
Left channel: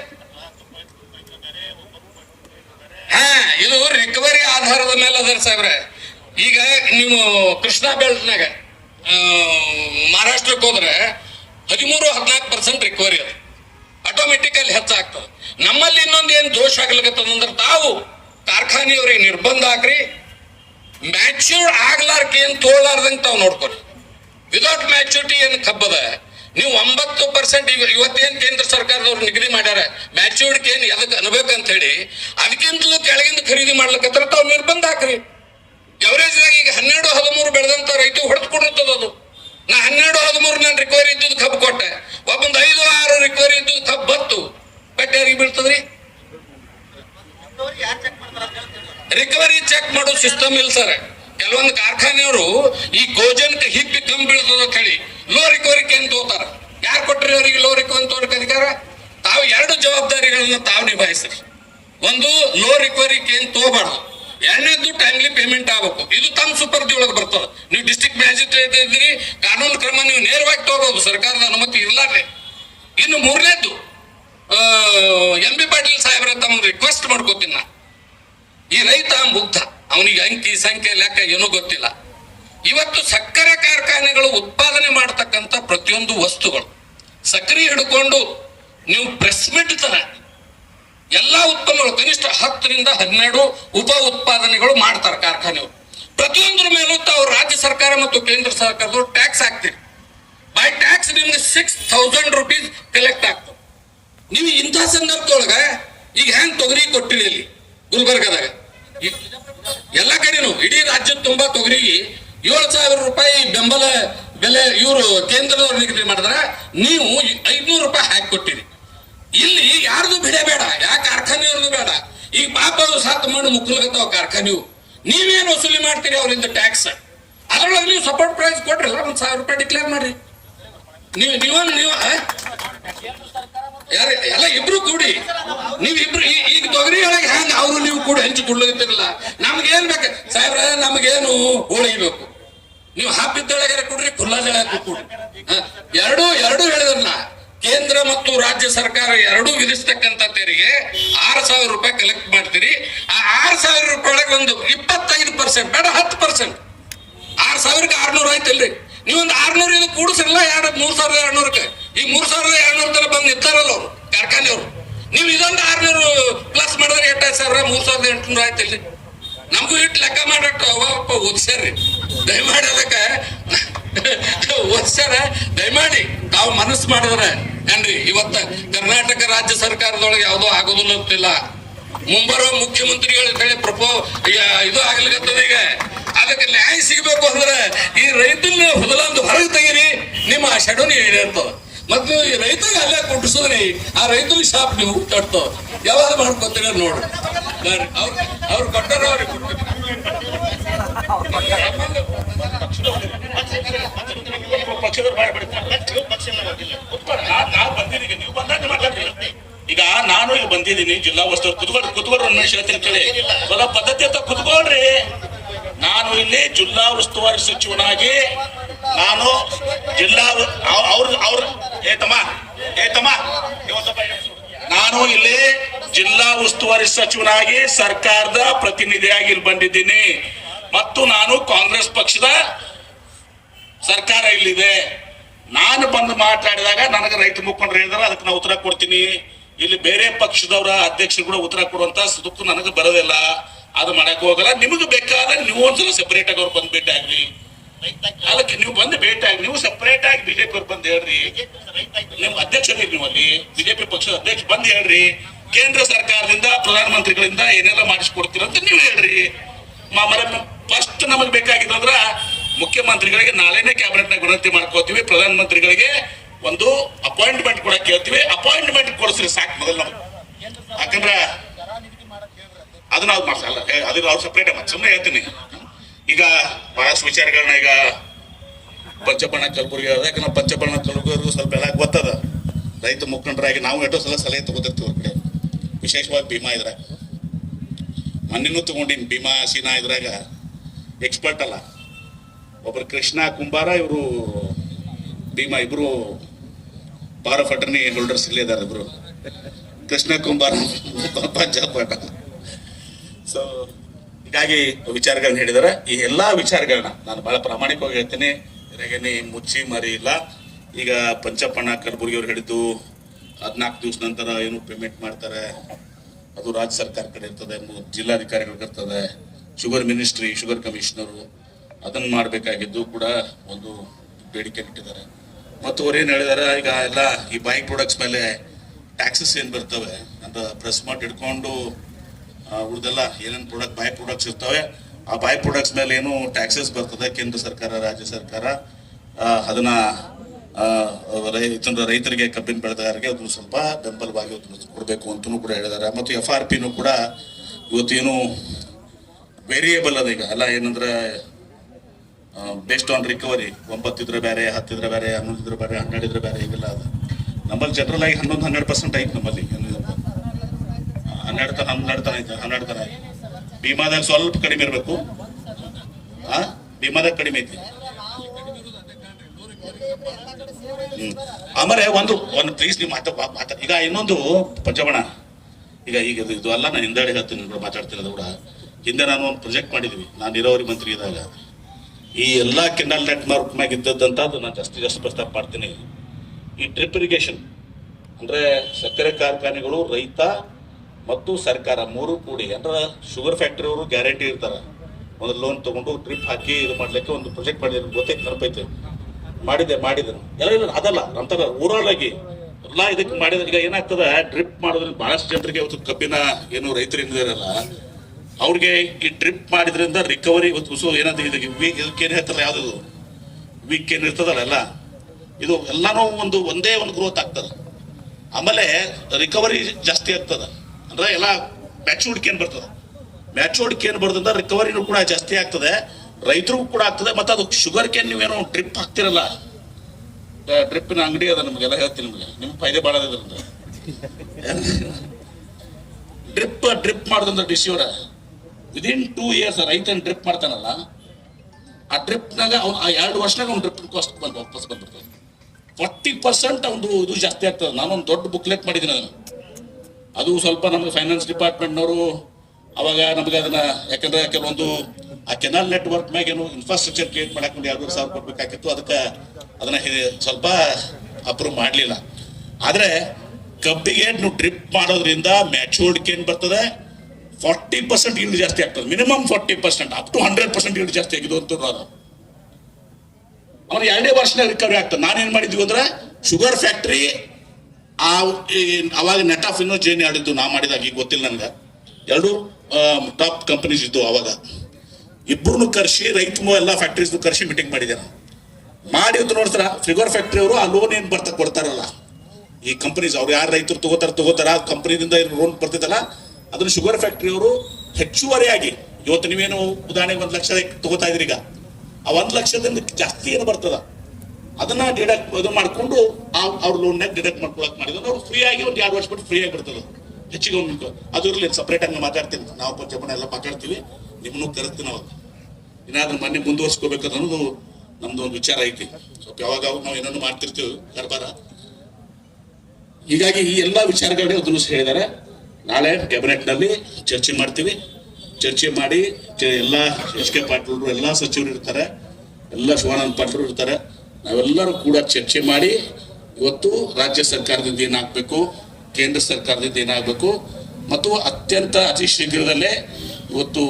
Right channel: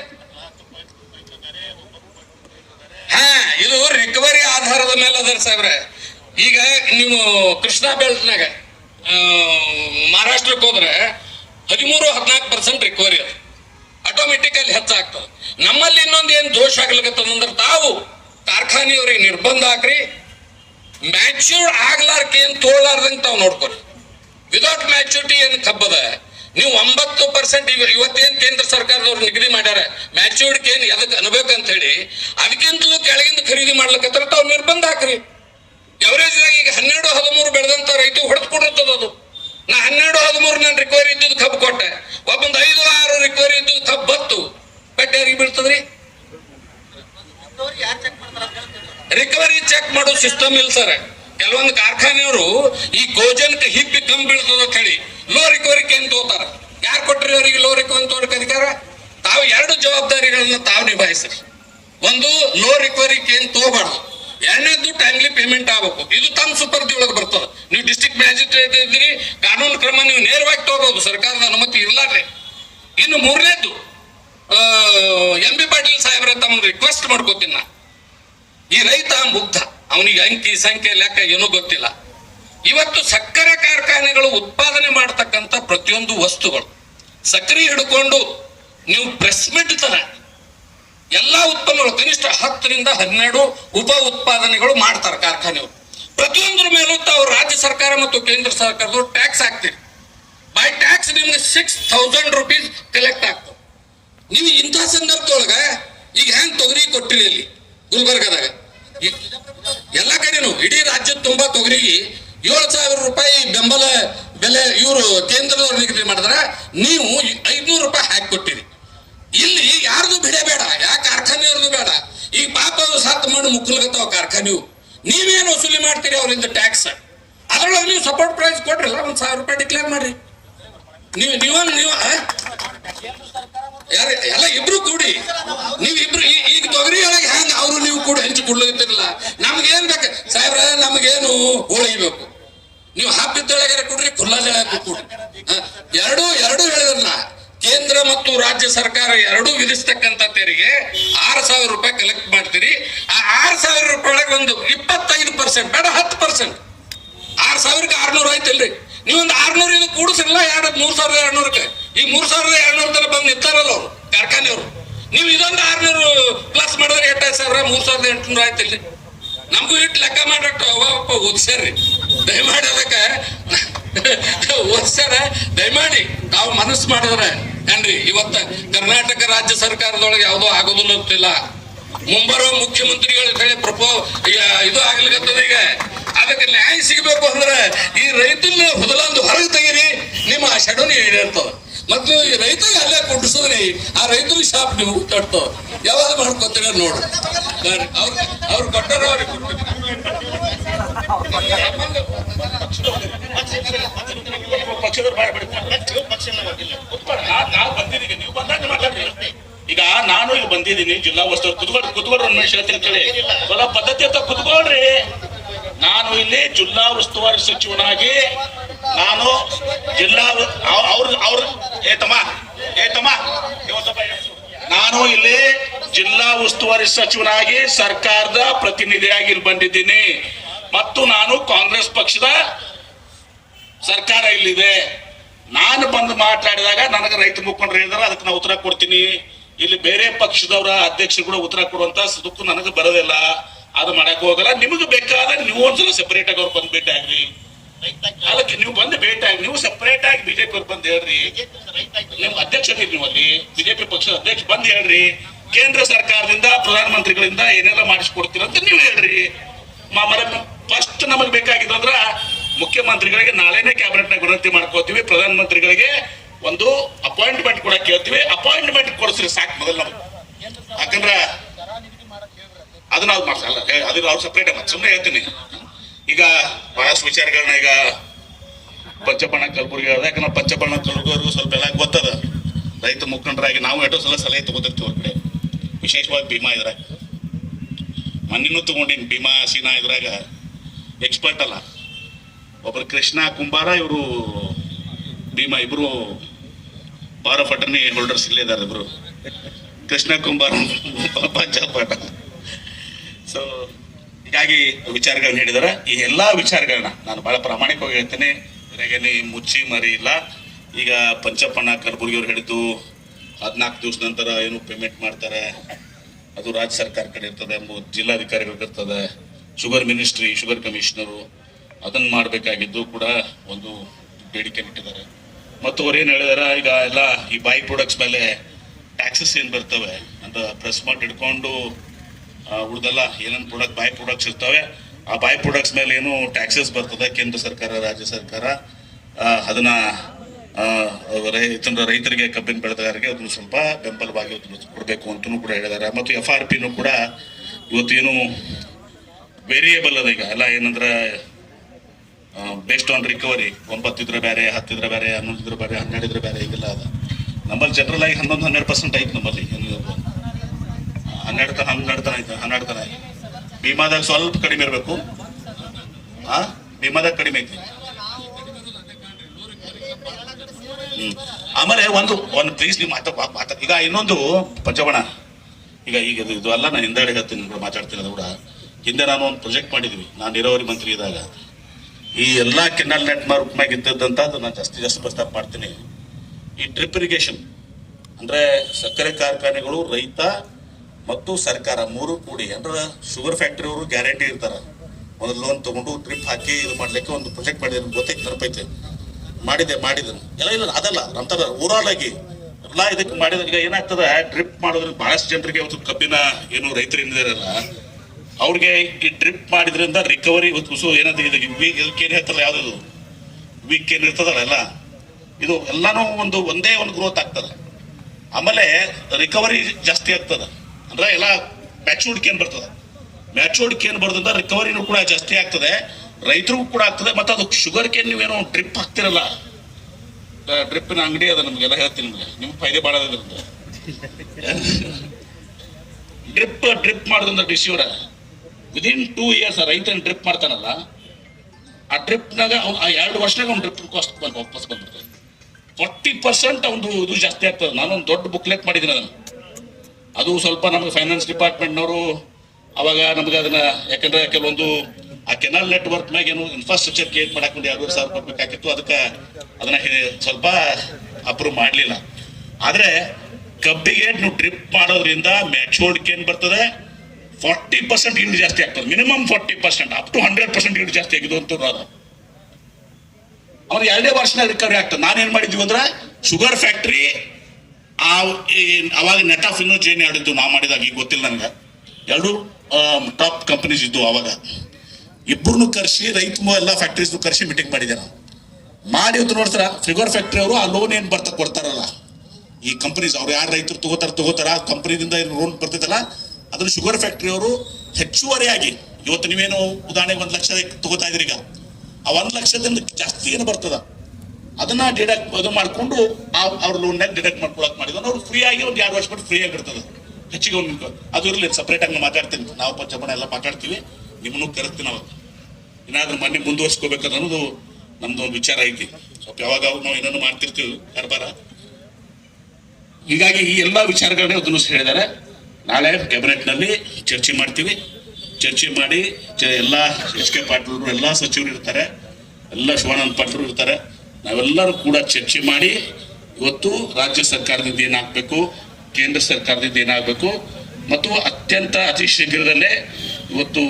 ಇದು ರಿಕವರಿ ಆಧಾರದ ಮೇಲೆ ಅದ ಸಾಹೇಬ್ರೆ. ಈಗ ನೀವು ಕೃಷ್ಣಾ ಬೆಲ್ಟ್ನಾಗ ಮಹಾರಾಷ್ಟ್ರಕ್ಕೆ ಹೋದ್ರೆ 13-14% ರಿಕವರಿ ಅದು ಆಟೋಮೆಟಿಕಲಿ ಹೆಚ್ಚಾಗ್ತದೆ. ನಮ್ಮಲ್ಲಿ ಇನ್ನೊಂದು ಏನ್ ದೋಷ ಆಗ್ಲಿಕ್ಕಂದ್ರೆ ತಾವು ಕಾರ್ಖಾನೆಯವ್ರಿಗೆ ನಿರ್ಬಂಧ ಹಾಕ್ರಿ, ಮ್ಯಾಚ್ಯೂರ್ಡ್ ಆಗ್ಲಾರ್ಕ ಏನ್ ತೋಳಾರ್ದಂಗೆ ತಾವು ನೋಡ್ಕೊರಿ. ವಿದೌಟ್ ಮ್ಯಾಚ್ಯೂರಿಟಿ ಏನ್ ಕಬ್ಬದ ನೀವು 9% ಇವತ್ತೇನ್ ಕೇಂದ್ರ ಸರ್ಕಾರದವ್ರು ನಿಗದಿ ಮಾಡ್ಯಾರ ಮ್ಯಾಚ್ಯೂರ್ಡ್ ಏನ್ ಅದಕ್ಕೆ ಅನ್ಬೇಕಂತ ಹೇಳಿ, ಅದಕ್ಕಿಂತಲೂ ಕೆಳಗಿಂದ ಖರೀದಿ ಮಾಡ್ಲಿಕ್ಕಂತ ತಾವು ನಿರ್ಬಂಧ ಹಾಕ್ರಿ. ಎವರೇಜ್ ಆಗಿ ಈಗ 12-13 ಬೆಳೆದಂತ ರೈತ ಹೊಡೆದು ಕೊಡುತ್ತದ ಅದು. ನಾ 12-13 ನಾನು ರಿಕವರಿ ಇದ್ದದ್ದು ಕಬ್ಬು ಕೊಟ್ಟೆ, ಒಬ್ಬೊಂದು 5-6 ಸಿಸ್ಟಮ್ ಇಲ್ಲ ಸರ್. ಕೆಲವೊಂದು ಕಾರ್ಖಾನೆಯವರು ಈ ಗೋಜನ್ಕ್ ಹಿಪ್ಪಿ ಕಮ್ಮಿ ಬೀಳ್ತದ ಅಂತ ಹೇಳಿ ಲೋ ರಿಕವರಿ ಕೇನ್ ತಗೋತಾರ. ಯಾರು ಕೊಟ್ಟರೆ ಅವರಿಗೆ ಲೋ ರಿಕವರಿ ತಗೋರಕ್ಕೆ ಅಧಿಕಾರ? ತಾವು ಎರಡು ಜವಾಬ್ದಾರಿಗಳನ್ನ ತಾವು ನಿಭಾಯಿಸ್ರಿ. ಒಂದು, ಲೋ ರಿಕವರಿ ಕೇನ್ ತಗೋಬಾರ್ದು. ಎರಡನೇದು, ಟೈಮ್ಲಿ ಪೇಮೆಂಟ್ ಆಗಬೇಕು. ಇದು ತಮ್ಮ ಸುಪರ್ದಿ ಒಳಗೆ ಬರ್ತದೆ. ನೀವು ಡಿಸ್ಟ್ರಿಕ್ಟ್ ಮ್ಯಾಜಿಸ್ಟ್ರೇಟ್ ಇದ್ದೀರಿ, ಕಾನೂನು ಕ್ರಮ ನೀವು ನೇರವಾಗಿ ತಗೋಬಹುದು, ಸರ್ಕಾರದ ಅನುಮತಿ ಇರ್ಲಾರ್ದೆ. ಇನ್ನು ಮೂರನೇದು, ಎಂ ಬಿ ಪಾಟೀಲ್ ಸಾಹೇಬ್ರ ತಮ್ಮ ರಿಕ್ವೆಸ್ಟ್ ಮಾಡ್ಕೋತೀನಿ ನಾ. ಈ ರೈತ ಮುಗ್ಧ, ಅವನಿಗೆ ಅಂಕಿ ಸಂಖ್ಯೆ ಲೆಕ್ಕ ಏನೂ ಗೊತ್ತಿಲ್ಲ. ಇವತ್ತು ಸಕ್ಕರೆ ಕಾರ್ಖಾನೆಗಳು ಉತ್ಪಾದನೆ ಮಾಡತಕ್ಕಂತ ಪ್ರತಿಯೊಂದು ವಸ್ತುಗಳು, ಸಕ್ಕರೆ ಹಿಡ್ಕೊಂಡು ನೀವು ಪ್ರೆಸ್ ಮೀಟ್ ತರ ಎಲ್ಲಾ ಉತ್ಪನ್ನಗಳು ಕನಿಷ್ಠ 10 ರಿಂದ 12 ಉಪ ಉತ್ಪಾದನೆಗಳು ಮಾಡ್ತಾರೆ ಕಾರ್ಖಾನೆಯವರು. ಪ್ರತಿಯೊಂದರ ಮೇಲೂ ತಾವು ರಾಜ್ಯ ಸರ್ಕಾರ ಮತ್ತು ಕೇಂದ್ರ ಸರ್ಕಾರದವರು ಟ್ಯಾಕ್ಸ್ ಹಾಕ್ತೀರಿ. ಬೈ ಟ್ಯಾಕ್ಸ್ ನಿಮ್ಗೆ 6000 ರೂಪೀಸ್ ಕಲೆಕ್ಟ್ ಆಗ್ತದೆ. ನೀವು ಇಂಥ ಸಂದರ್ಭದೊಳಗ ಈಗ ಹೆಂಗ್ ತೊಗರಿ ಕೊಟ್ಟಿರಿ ಇಲ್ಲಿ ಗುಲ್ಬರ್ಗದಾಗ, ಎಲ್ಲ ಕಡೆನೂ ಇಡೀ ರಾಜ್ಯದ ತುಂಬಾ ತೊಗರಿಗೆ 7,000 ರೂಪಾಯಿ ಬೆಂಬಲ ಬೆಲೆ ಇವರು ಕೇಂದ್ರದವ್ರು ನಿಗದಿ ಮಾಡಿದ್ರ, ನೀವು 500 ರೂಪಾಯಿ ಹಾಕಿ ಕೊಟ್ಟಿರಿ. ಇಲ್ಲಿ ಯಾರ್ದು ಬಿಡೇ ಬೇಡ, ಯಾಕೆ ಕಾರ್ಖಾನೆಯವ್ರದ್ದು ಬೇಡ. ಈ ಪಾಪ ಸತ್ತು ಮಾಡಿ ಮುಕ್ಕಲ್ಗತ್ತವ ಕಾರ್ಖಾನೆಯು. ನೀವೇನು ವಸೂಲಿ ಮಾಡ್ತೀರಿ ಅವರಿಂದ ಟ್ಯಾಕ್ಸ್? ಅದ್ರೊಳಗೆ ನೀವು ಸಪೋರ್ಟ್ ಪ್ರೈಸ್ ಕೊಟ್ರಿ, 1,000 ರೂಪಾಯಿ ಡಿಕ್ಲೇರ್ ಮಾಡ್ರಿ. ನೀವು ಎಲ್ಲ ಇಬ್ರು ಕೂಡಿ, ನೀವಿಬ್ರು ಈಗ ತೊಗರಿ ಒಳಗೆ ಹ್ಯಾಂಗ ಅವರು ನೀವು ಕೂಡ ಹಂಚಿಕೊಳ್ಳುತ್ತಿರಲಿಲ್ಲ. ನಮ್ಗೇನ್ ಬೇಕು ಸಾಹೇಬ್ರ? ನಮ್ಗೇನು ಹೋಳಿಗೆ ಬೇಕು, ನೀವು ಹಾಪಿದ್ದೊಳಗೆ ಕೊಡ್ರಿ, ಖುಲ್ಲಾಜ ಕೊಡ್ರಿ. ಎರಡು ಹೇಳಿದ್ರಲ್ಲ, ಕೇಂದ್ರ ಮತ್ತು ರಾಜ್ಯ ಸರ್ಕಾರ ಎರಡೂ ವಿಧಿಸ್ತಕ್ಕಂಥ ತೆರಿಗೆ 6,000 ರೂಪಾಯಿ ಕಲೆಕ್ಟ್ ಮಾಡ್ತೀರಿ. ಆ 6,000 ರೂಪಾಯಿ ಒಳಗೆ ಒಂದು 25% ಬೇಡ 10%, 6,000ಕ್ಕೆ 600 ಆಯ್ತಿಲ್ರಿ. ನೀವೊಂದು 600 ಇದು ಕೂಡಿಸಿರಲ್ಲ, 3,200ಕ್ಕೆ. ಈ 3,200 ತರ ಬಂದು ನಿಂತಾರಲ್ಲ ಅವ್ರು ಕಾರ್ಖಾನೆಯವರು. ನೀವು ಇದೊಂದು 600 ಪ್ಲಸ್ ಮಾಡಿದ್ರೆ 8,000, 3,800 ಆಯ್ತಿಲ್ರಿ. ನಮಗೂ ಇಟ್ಟು ಲೆಕ್ಕ ಮಾಡಟ್ಟು ಓದಿಸ್ಯಾರ್ರಿ. ದಯಮಾಡಿ ಅದಕ್ಕೆ ಓದಿಸ್ಯಾರ, ದಯಮಾಡಿ ತಾವು ಮನಸ್ಸು ಮಾಡಿದ್ರೆ ಕಣ್ರಿ. ಇವತ್ತ ಕರ್ನಾಟಕ ರಾಜ್ಯ ಸರ್ಕಾರದೊಳಗೆ ಯಾವುದೋ ಆಗೋದಿಲ್ಲ ಅಂತಿಲ್ಲ. ಮುಂಬರುವ ಮುಖ್ಯಮಂತ್ರಿಗಳು ಹೇಳಿ ಇದು ಆಗ್ಲಿಕ್ಕತ್ತದ. ಈಗ ಅದಕ್ಕೆ ನ್ಯಾಯ ಸಿಗಬೇಕು ಅಂದ್ರೆ ಈ ರೈತನ ಮೊದಲೊಂದು ಹೊರಗೆ ತೆಗೀರಿ, ನಿಮ್ಮ ಶೆಡನ್ ಈಡೇರ್ತದ. ಮತ್ತು ಈ ರೈತರಿಗೆ ಅಲ್ಲೇ ಕುಟ್ಟಿಸಿದ್ರಿ, ಆ ರೈತನ ಶಾಪ್ ನೀವು ಹುಟ್ಟಾಡ್ತವ. ಯಾವಾಗ ಮಾಡ್ಕೊತೀರ ನೋಡಿ, ಅವ್ರು ಕೊಟ್ಟಾರ ಅವ್ರಿಗೆ ಕೊಟ್ಟಿದ್ರು. ಈಗ ನಾನು ಇಲ್ಲಿ ಬಂದಿದ್ದೀನಿ, ಜಿಲ್ಲಾ ಉಸ್ತುವಾರಿ ಕುತ್ಕೊಡ್ರಿ ರಮೇಶ್ ಹೇಳ್ತೀನಿ ಕೇಳಿ, ಸ್ವಲ್ಪ ಪದ್ಧತಿ ಅಂತ ಕುತ್ಕೊಳ್ರಿ. ನಾನು ಇಲ್ಲಿ ಜಿಲ್ಲಾ ಉಸ್ತುವಾರಿ ಸಚಿವನಾಗಿ ನಾನು ನಾನು ಇಲ್ಲಿ ಜಿಲ್ಲಾ ಉಸ್ತುವಾರಿ ಸಚಿವನಾಗಿ ಸರ್ಕಾರದ ಪ್ರತಿನಿಧಿಯಾಗಿ ಇಲ್ಲಿ ಬಂದಿದ್ದೀನಿ. ಮತ್ತು ನಾನು ಕಾಂಗ್ರೆಸ್ ಪಕ್ಷದ ಸರ್ಕಾರ ಇಲ್ಲಿದೆ. ನಾನು ಬಂದು ಮಾತಾಡಿದಾಗ ನನಗೆ ರೈತ ಮುಖಂಡರು ಹೇಳಿದಾರೆ, ಅದಕ್ಕೆ ನಾನು ಉತ್ತರ ಕೊಡ್ತೀನಿ. ಇಲ್ಲಿ ಬೇರೆ ಪಕ್ಷದವರ ಅಧ್ಯಕ್ಷರು ಕೂಡ ಉತ್ತರ ಕೊಡುವಂತ ದುಃಖ ನನಗೆ ಬರೋದಿಲ್ಲ, ಅದು ಮಾಡಕ್ ಹೋಗಲ್ಲ. ನಿಮಗೆ ಬೇಕಾದಾಗ ನೀವು ಒಂದ್ಸಲ ಸೆಪರೇಟ್ ಆಗಿ ಅವ್ರು ಬಂದು ಭೇಟಿ ಆಗ್ರಿ. ಅದಕ್ಕೆ ನೀವು ಬಂದು ಭೇಟಿ ಆಗಿ, ನೀವು ಸೆಪರೇಟ್ ಆಗಿ ಬಿಜೆಪಿ ಅವ್ರು ಬಂದು ಹೇಳ್ರಿ. ನಿಮ್ಮ ಅಧ್ಯಕ್ಷರಿರಿ, ನೀವು ಅಲ್ಲಿ ಬಿಜೆಪಿ ಪಕ್ಷದ ಅಧ್ಯಕ್ಷ ಬಂದು ಹೇಳ್ರಿ. ಕೇಂದ್ರ ಸರ್ಕಾರದಿಂದ ಪ್ರಧಾನಮಂತ್ರಿಗಳಿಂದ ಏನೆಲ್ಲ ಮಾಡಿಸ್ಕೊಡ್ತೀರಂತ ನೀವು ಹೇಳ್ರಿ. ಫಸ್ಟ್ ನಮಗೆ ಬೇಕಾಗಿದ್ದಂದ್ರ ಮುಖ್ಯಮಂತ್ರಿಗಳಿಗೆ ನಾಳೆನೇ ಕ್ಯಾಬಿನೆಟ್ ನಾಗ ವಿನಂತಿ ಮಾಡ್ಕೋತೀವಿ. ಪ್ರಧಾನಮಂತ್ರಿಗಳಿಗೆ ಒಂದು ಅಪಾಯಿಂಟ್ಮೆಂಟ್ ಕೂಡ ಕೇಳ್ತೀವಿ. ಅಪಾಯಿಂಟ್ಮೆಂಟ್ ಕೊಡಿಸ್ರಿ ಸಾಕು ಮೊದಲು ನಮ್ಗೆ. ಯಾಕಂದ್ರ ಅದನ್ನ ಅವ್ರು ಮಾಡ್ಸಲ್ಲ, ಅದನ್ನ ಅವ್ರು ಸಪ್ರೇಟ್ ಆಗಿ ಸುಮ್ಮನೆ ಹೇಳ್ತೀನಿ. ಈಗ ಬಹಳಷ್ಟು ವಿಚಾರಗಳನ್ನ ಈಗ ಪಂಚಬಣ್ಣ ಕಲಬುರ್ಗಿ ಹೇಳಿದಾಗ, ನಾವು ಪಂಚಬಣ್ಣ ಕಲಬುರ್ಗಿಗೂ ಸ್ವಲ್ಪ ಎಲ್ಲ ಗೊತ್ತದ. ರೈತ ಮುಖಂಡರಾಗಿ ನಾವು ಎಷ್ಟೋ ಸಲ ಸಲಹೆ ತಗೋತಿರ್ತೀವಿ ಅವ್ರ ಕಡೆ, ವಿಶೇಷವಾಗಿ ಭೀಮಾ ಇದ್ರಾಗ. ಮಣ್ಣಿನೂ ತಗೊಂಡಿನಿ, ಭೀಮಾ ಸೀನಾ ಇದ್ರಾಗ ಎಕ್ಸ್ಪರ್ಟ್ ಅಲ್ಲ. ಒಬ್ಬರು ಕೃಷ್ಣ ಕುಂಬಾರ, ಇವರು ಭೀಮಾ, ಇಬ್ರು ಪವರ್ ಅಟರ್ನಿ ಹೋಲ್ಡರ್ಸ್ ಇಲ್ಲೇ ಇದ್ದಾರೆ. ಇಬ್ರು ಕೃಷ್ಣ ಕುಂಬಾರ ಪಂಚಪಾಠ. ಸೊ ಹೀಗಾಗಿ ವಿಚಾರಗಳನ್ನ ಹೇಳಿದಾರೆ. ಈ ಎಲ್ಲಾ ವಿಚಾರಗಳನ್ನ ನಾನು ಬಹಳ ಪ್ರಾಮಾಣಿಕವಾಗಿ ಹೇಳ್ತೇನೆ. ಇದ್ರಾಗೇನೆ ಮುಚ್ಚಿ ಮರಿ ಇಲ್ಲ. ಈಗ ಪಂಚಪ್ಪಣ್ಣ ಕಲಬುರ್ಗಿ ಅವ್ರು ಹೇಳಿದ್ದು 14 ದಿವಸ ನಂತರ ಏನು ಪೇಮೆಂಟ್ ಮಾಡ್ತಾರೆ, ಅದು ರಾಜ್ಯ ಸರ್ಕಾರ ಕಡೆ ಇರ್ತದೆ, ಜಿಲ್ಲಾಧಿಕಾರಿಗಳಿಗೆ ಇರ್ತದೆ, ಶುಗರ್ ಮಿನಿಸ್ಟ್ರಿ, ಶುಗರ್ ಕಮಿಷನರು ಅದನ್ನ ಮಾಡಬೇಕಾಗಿದ್ದು ಕೂಡ ಒಂದು ಬೇಡಿಕೆ ಇಟ್ಟಿದ್ದಾರೆ. ಮತ್ತು ಅವ್ರು ಏನು ಹೇಳಿದಾರೆ, ಈಗ ಎಲ್ಲ ಈ ಬೈ ಪ್ರಾಡಕ್ಟ್ಸ್ ಮೇಲೆ ಟ್ಯಾಕ್ಸಸ್ ಏನು ಬರ್ತವೆ ಅಂತ ಪ್ರೆಸ್ ಮಾಡಿ ಹಿಡ್ಕೊಂಡು ಉಳ್ದೆಲ್ಲ ಏನೇನು ಬೈ ಪ್ರಾಡಕ್ಟ್ಸ್ ಇರ್ತವೆ, ಆ ಬೈ ಪ್ರಾಡಕ್ಟ್ಸ್ ಮೇಲೆ ಏನು ಟ್ಯಾಕ್ಸಸ್ ಬರ್ತದೆ ಕೇಂದ್ರ ಸರ್ಕಾರ, ರಾಜ್ಯ ಸರ್ಕಾರ ಅದನ್ನ ರೈತರಿಗೆ, ಕಬ್ಬಿನ ಬೆಳೆಗಾರರಿಗೆ ಅದನ್ನು ಸ್ವಲ್ಪ ಬೆಂಬಲವಾಗಿ ಅದನ್ನು ಕೊಡಬೇಕು ಅಂತಲೂ ಕೂಡ ಹೇಳಿದ್ದಾರೆ. ಮತ್ತು FRP ಕೂಡ ಇವತ್ತು ಏನು ವೇರಿಯೇಬಲ್ ಅದ ಈಗ ಎಲ್ಲ ಏನಂದ್ರೆ ಬೇಸ್ಡ್ ಆನ್ ರಿಕವರಿ 9 ಇದ್ರೆ ಬೇರೆ 10 ಇದ್ರೆ ಬೇರೆ 11 ಇದ್ರೆ ಬೇರೆ 12 ಇದ್ರೆ ಬೇರೆ ಇವೆಲ್ಲ ಅದ. ನಮ್ಮಲ್ಲಿ ಜನರಲ್ ಆಗಿ 11-12% ಐತಿ ನಮ್ಮಲ್ಲಿ 12 ತನ ಐತೆ 12 ತನ. ಭೀಮಾದಾಗ ಸ್ವಲ್ಪ ಕಡಿಮೆ ಇರಬೇಕು. ಭೀಮಾದಾಗ ಕಡಿಮೆ ಐತಿ. ಆಮೇಲೆ ಒಂದು ಪ್ಲೀಸ್ ನೀವು ಮಾತಾ ಈಗ ಇನ್ನೊಂದು ಪಂಚಮಣ ಈಗ ಇದು ಎಲ್ಲ ನಾನು ಹಿಂದೆ ಹೇಳ್ತೀನಿ ಮಾತಾಡ್ತಿರೋದು ಕೂಡ. ಹಿಂದೆ ನಾನು ಒಂದು ಪ್ರಾಜೆಕ್ಟ್ ಮಾಡಿದ್ವಿ, ನಾನು ನೀರಾವರಿ ಮಂತ್ರಿ ಇದ್ದಾಗ. ಈ ಎಲ್ಲಾ ಕೆನಾಲ್ ನೆಟ್ವರ್ಕ್ ಮ್ಯಾಗ ಇದ್ದದಂತ ನಾನು ಜಾಸ್ತಿ ಪ್ರಸ್ತಾಪ ಮಾಡ್ತೀನಿ. ಈ ಡ್ರಿಪ್ ಇರಿಗೇಷನ್ ಅಂದ್ರೆ ಸಕ್ಕರೆ ಕಾರ್ಖಾನೆಗಳು, ರೈತ ಮತ್ತು ಸರ್ಕಾರ ಮೂರು ಕೂಡಿ ಅಂದ್ರೆ ಶುಗರ್ ಫ್ಯಾಕ್ಟರಿ ಅವರು ಗ್ಯಾರಂಟಿ ಇರ್ತಾರೆ. ಒಂದು ಲೋನ್ ತಗೊಂಡು ಡ್ರಿಪ್ ಹಾಕಿ ಇದು ಮಾಡ್ಲಿಕ್ಕೆ ಒಂದು ಪ್ರಾಜೆಕ್ಟ್ ಮಾಡಿದ್ರು, ಗೊತ್ತೈತೆ ನೆನಪೈತೆ. ಮಾಡಿದ್ರು ಎಲ್ಲ ಇಲ್ಲ ಅದಲ್ಲ ನಂತರ ಓವರಾಲ್ ಆಗಿ ಎಲ್ಲ ಇದಕ್ಕೆ ಮಾಡಿದ್ರೆ ಈಗ ಏನಾಗ್ತದೆ, ಡ್ರಿಪ್ ಮಾಡೋದ್ರಲ್ಲಿ ಬಹಳಷ್ಟು ಜನರಿಗೆ ಇವತ್ತು ಕಬ್ಬಿನ ಏನು ರೈತರು ಏನಿದಾರಲ್ಲ ಅವ್ರಿಗೆ ಈ ಡ್ರಿಪ್ ಮಾಡಿದ್ರಿಂದ ರಿಕವರಿ ಇವತ್ತು ಏನಂತ ಏನ್ ಹೇಳ್ತಾರಲ್ಲ ಯಾವ್ದು ವೀಕ್ ಏನ್ ಇರ್ತದಲ್ಲ ಎಲ್ಲ ಇದು ಎಲ್ಲಾನು ಒಂದೇ ಒಂದು ಗ್ರೋತ್ ಆಗ್ತದೆ. ಆಮೇಲೆ ರಿಕವರಿ ಜಾಸ್ತಿ ಆಗ್ತದೆ ಅಂದ್ರೆ ಎಲ್ಲ ಮ್ಯಾಚೂರ್ಡ್ ಕೇನ್ ಬರ್ತದೆ. ಮ್ಯಾಚೂರ್ಡ್ ಕೇನ್ ಬರೋದ್ರಿಂದ ರಿಕವರಿನೂ ಕೂಡ ಜಾಸ್ತಿ ಆಗ್ತದೆ, ರೈತರಿಗೂ ಕೂಡ ಆಗ್ತದೆ. ಮತ್ತೆ ಅದು ಶುಗರ್ ಕೇನ್ ನೀವೇನೋ ಡ್ರಿಪ್ ಹಾಕ್ತಿರಲ್ಲ, ಡ್ರಿಪ್ಪಿನ ಅಂಗಡಿ ಅದ ನಮ್ಗೆಲ್ಲ ಹೇಳ್ತೀನಿ, ನಿಮ್ಗೆ ಫೈದೆ ಭಾಳ ಅದ. ಡ್ರಿಪ್ ಮಾಡೋದಂದ್ರೆ ಡಿಶ್ಯೂರ ವಿದಿನ್ 2 years ರೈತನ ಡ್ರಿಪ್ ಮಾಡ್ತಾನಲ್ಲ, ಆ ಡ್ರಿಪ್ನಾಗ ಅವ್ನು 2 ವರ್ಷನಾಗ ಅವ್ನು ಡ್ರಿಪ್ ಕಾಸ್ಟ್ ವಾಪಸ್ ಬಂದ್ಬಿಡ್ತದೆ. 40% ಅವ್ನು ಇದು ಜಾಸ್ತಿ ಆಗ್ತದೆ. ನಾನೊಂದು ದೊಡ್ಡ ಬುಕ್ಲೆಟ್ ಮಾಡಿದ್ದೀನಿ ಅದನ್ನು. ಅದು ಸ್ವಲ್ಪ ನಮಗೆ ಫೈನಾನ್ಸ್ ಡಿಪಾರ್ಟ್ಮೆಂಟ್ನವರು ಅವಾಗ ನಮ್ಗೆ ಅದನ್ನ, ಯಾಕಂದ್ರೆ ಕೆಲವೊಂದು ಆ ಕೆನಾಲ್ ನೆಟ್ವರ್ಕ್ ಮ್ಯಾಗ ಏನು ಇನ್ಫ್ರಾಸ್ಟ್ರಕ್ಚರ್ ಕ್ರಿಯೇಟ್ ಮಾಡಾಕೊಂಡು 2,000 ಕೊಡ್ಬೇಕಾಗಿತ್ತು. ಅದಕ್ಕೆ ಅದನ್ನ ಸ್ವಲ್ಪ ಅಪ್ರೂವ್ ಮಾಡಲಿಲ್ಲ. ಆದ್ರೆ ಕಬ್ಬಿಗೆ ನೀವು ಡ್ರಿಪ್ ಮಾಡೋದ್ರಿಂದ ಮ್ಯಾಚೂರ್ಡ್ ಕೇನ್ ಬರ್ತದೆ, 40% ಈಲ್ಡ್ ಜಾಸ್ತಿ ಆಗ್ತದೆ. ಮಿನಿಮಮ್ 40% ಅಪ್ ಟು 100% ಈಲ್ಡ್ ಜಾಸ್ತಿ ಆಗಿದ್ದು ಅಂತ ಅವ್ರಿಗೆ 2 ವರ್ಷದಾಗ ರಿಕವರಿ ಆಗ್ತದೆ. ನಾನೇನ್ ಮಾಡಿದ್ವಿ ಅಂದ್ರೆ ಶುಗರ್ ಫ್ಯಾಕ್ಟ್ರಿ ಅವಾಗ ನೆಟ್ ಆಫ್ ಇನ್ನೂ ಜೇನಿ ಆಡಿದ್ದು ನಾ ಮಾಡಿದಾಗ, ಈಗ ಗೊತ್ತಿಲ್ಲ ನನ್ಗೆ. 2 ಟಾಪ್ ಕಂಪನೀಸ್ ಇದ್ದು ಅವಾಗ. ಇಬ್ಬರನ್ನು ಕರ್ಸಿ ರೈತ ಎಲ್ಲ ಫ್ಯಾಕ್ಟ್ರೀಸ್ ಕರ್ಸಿ ಮೀಟಿಂಗ್ ಮಾಡಿದೆ ಮಾಡಿ ನೋಡ್ತಾರ. ಶುಗರ್ ಫ್ಯಾಕ್ಟ್ರಿ ಅವರು ಆ ಲೋನ್ ಏನ್ ಕೊಡ್ತಾರಲ್ಲ ಈ ಕಂಪನೀಸ್, ಅವ್ರು ಯಾರು ರೈತರು ತಗೋತಾರ ಕಂಪನಿದಿಂದ ಲೋನ್ ಬರ್ತಿತ್ತಲ್ಲ, ಅದನ್ನ ಶುಗರ್ ಫ್ಯಾಕ್ಟ್ರಿ ಅವರು ಹೆಚ್ಚುವರಿಯಾಗಿ ಇವತ್ತು ನೀವೇನು ಉದಾಹರಣೆಗೆ 1 ಲಕ್ಷ ತಗೋತಾ ಇದ್ರಿ, ಈಗ ಆ 1 ಲಕ್ಷದಿಂದ ಜಾಸ್ತಿ ಏನು ಬರ್ತದ ಅದನ್ನ ಡಿಡಕ್ಟ್ ಇದು ಮಾಡ್ಕೊಂಡು ಅವ್ರ ಲೋನ್ನಾಗ ಡಿಡಕ್ಟ್ ಮಾಡ್ಕೊಳಕ್ ಮಾಡಿದ್ರು. ಅವ್ರು ಫ್ರೀ ಆಗಿ ಒಂದು 2 ವರ್ಷ ಬಿಟ್ಟು ಫ್ರೀ ಆಗಿ ಬರ್ತದೆ. ಹೆಚ್ಚಿಗೆ ಒಂದು ಅದು ಇರಲಿ, ಸಪ್ರೇಟ್ ಆಗಿ ಮಾತಾಡ್ತೀನಿ. ನಾವು ಪಂಚಮಣ ಎಲ್ಲ ಮಾತಾಡ್ತೀವಿ, ನಿಮ್ಮನ್ನು ಕರೆಸ್ತೀವಿ. ನಾವು ಏನಾದ್ರೂ ಮೊನ್ನೆ ಮುಂದುವರ್ಸ್ಕೋಬೇಕಂದ್ರೆ ಅನ್ನೋದು ನಮ್ದು ಒಂದು ವಿಚಾರ ಐತಿ. ಸ್ವಲ್ಪ ಯಾವಾಗ ನಾವು ಏನನ್ನು ಮಾಡ್ತಿರ್ತೀವಿ ಕಾರ್ಬಾರ. ಹೀಗಾಗಿ ಈ ಎಲ್ಲಾ ವಿಚಾರಗಳನ್ನೇ ಅದನ್ನು ಹೇಳಿದ್ದಾರೆ. ನಾಳೆ ಕ್ಯಾಬಿನೆಟ್ ನಲ್ಲಿ ಚರ್ಚೆ ಮಾಡ್ತೀವಿ. ಚರ್ಚೆ ಮಾಡಿ ಎಲ್ಲಾ HK ಪಾಟೀಲ್ ಎಲ್ಲಾ ಸಚಿವರು ಇರ್ತಾರೆ, ಎಲ್ಲ ಶಿವಾನಂದ ಪಾಟೀಲ್ ಇರ್ತಾರೆ. ನಾವೆಲ್ಲರೂ ಕೂಡ ಚರ್ಚೆ ಮಾಡಿ ಇವತ್ತು ರಾಜ್ಯ ಸರ್ಕಾರದಿಂದ ಏನಾಗಬೇಕು, ಕೇಂದ್ರ ಸರ್ಕಾರದಿಂದ ಏನಾಗಬೇಕು, ಮತ್ತು ಅತಿ ಶೀಘ್ರದಲ್ಲೇ ಇವತ್ತು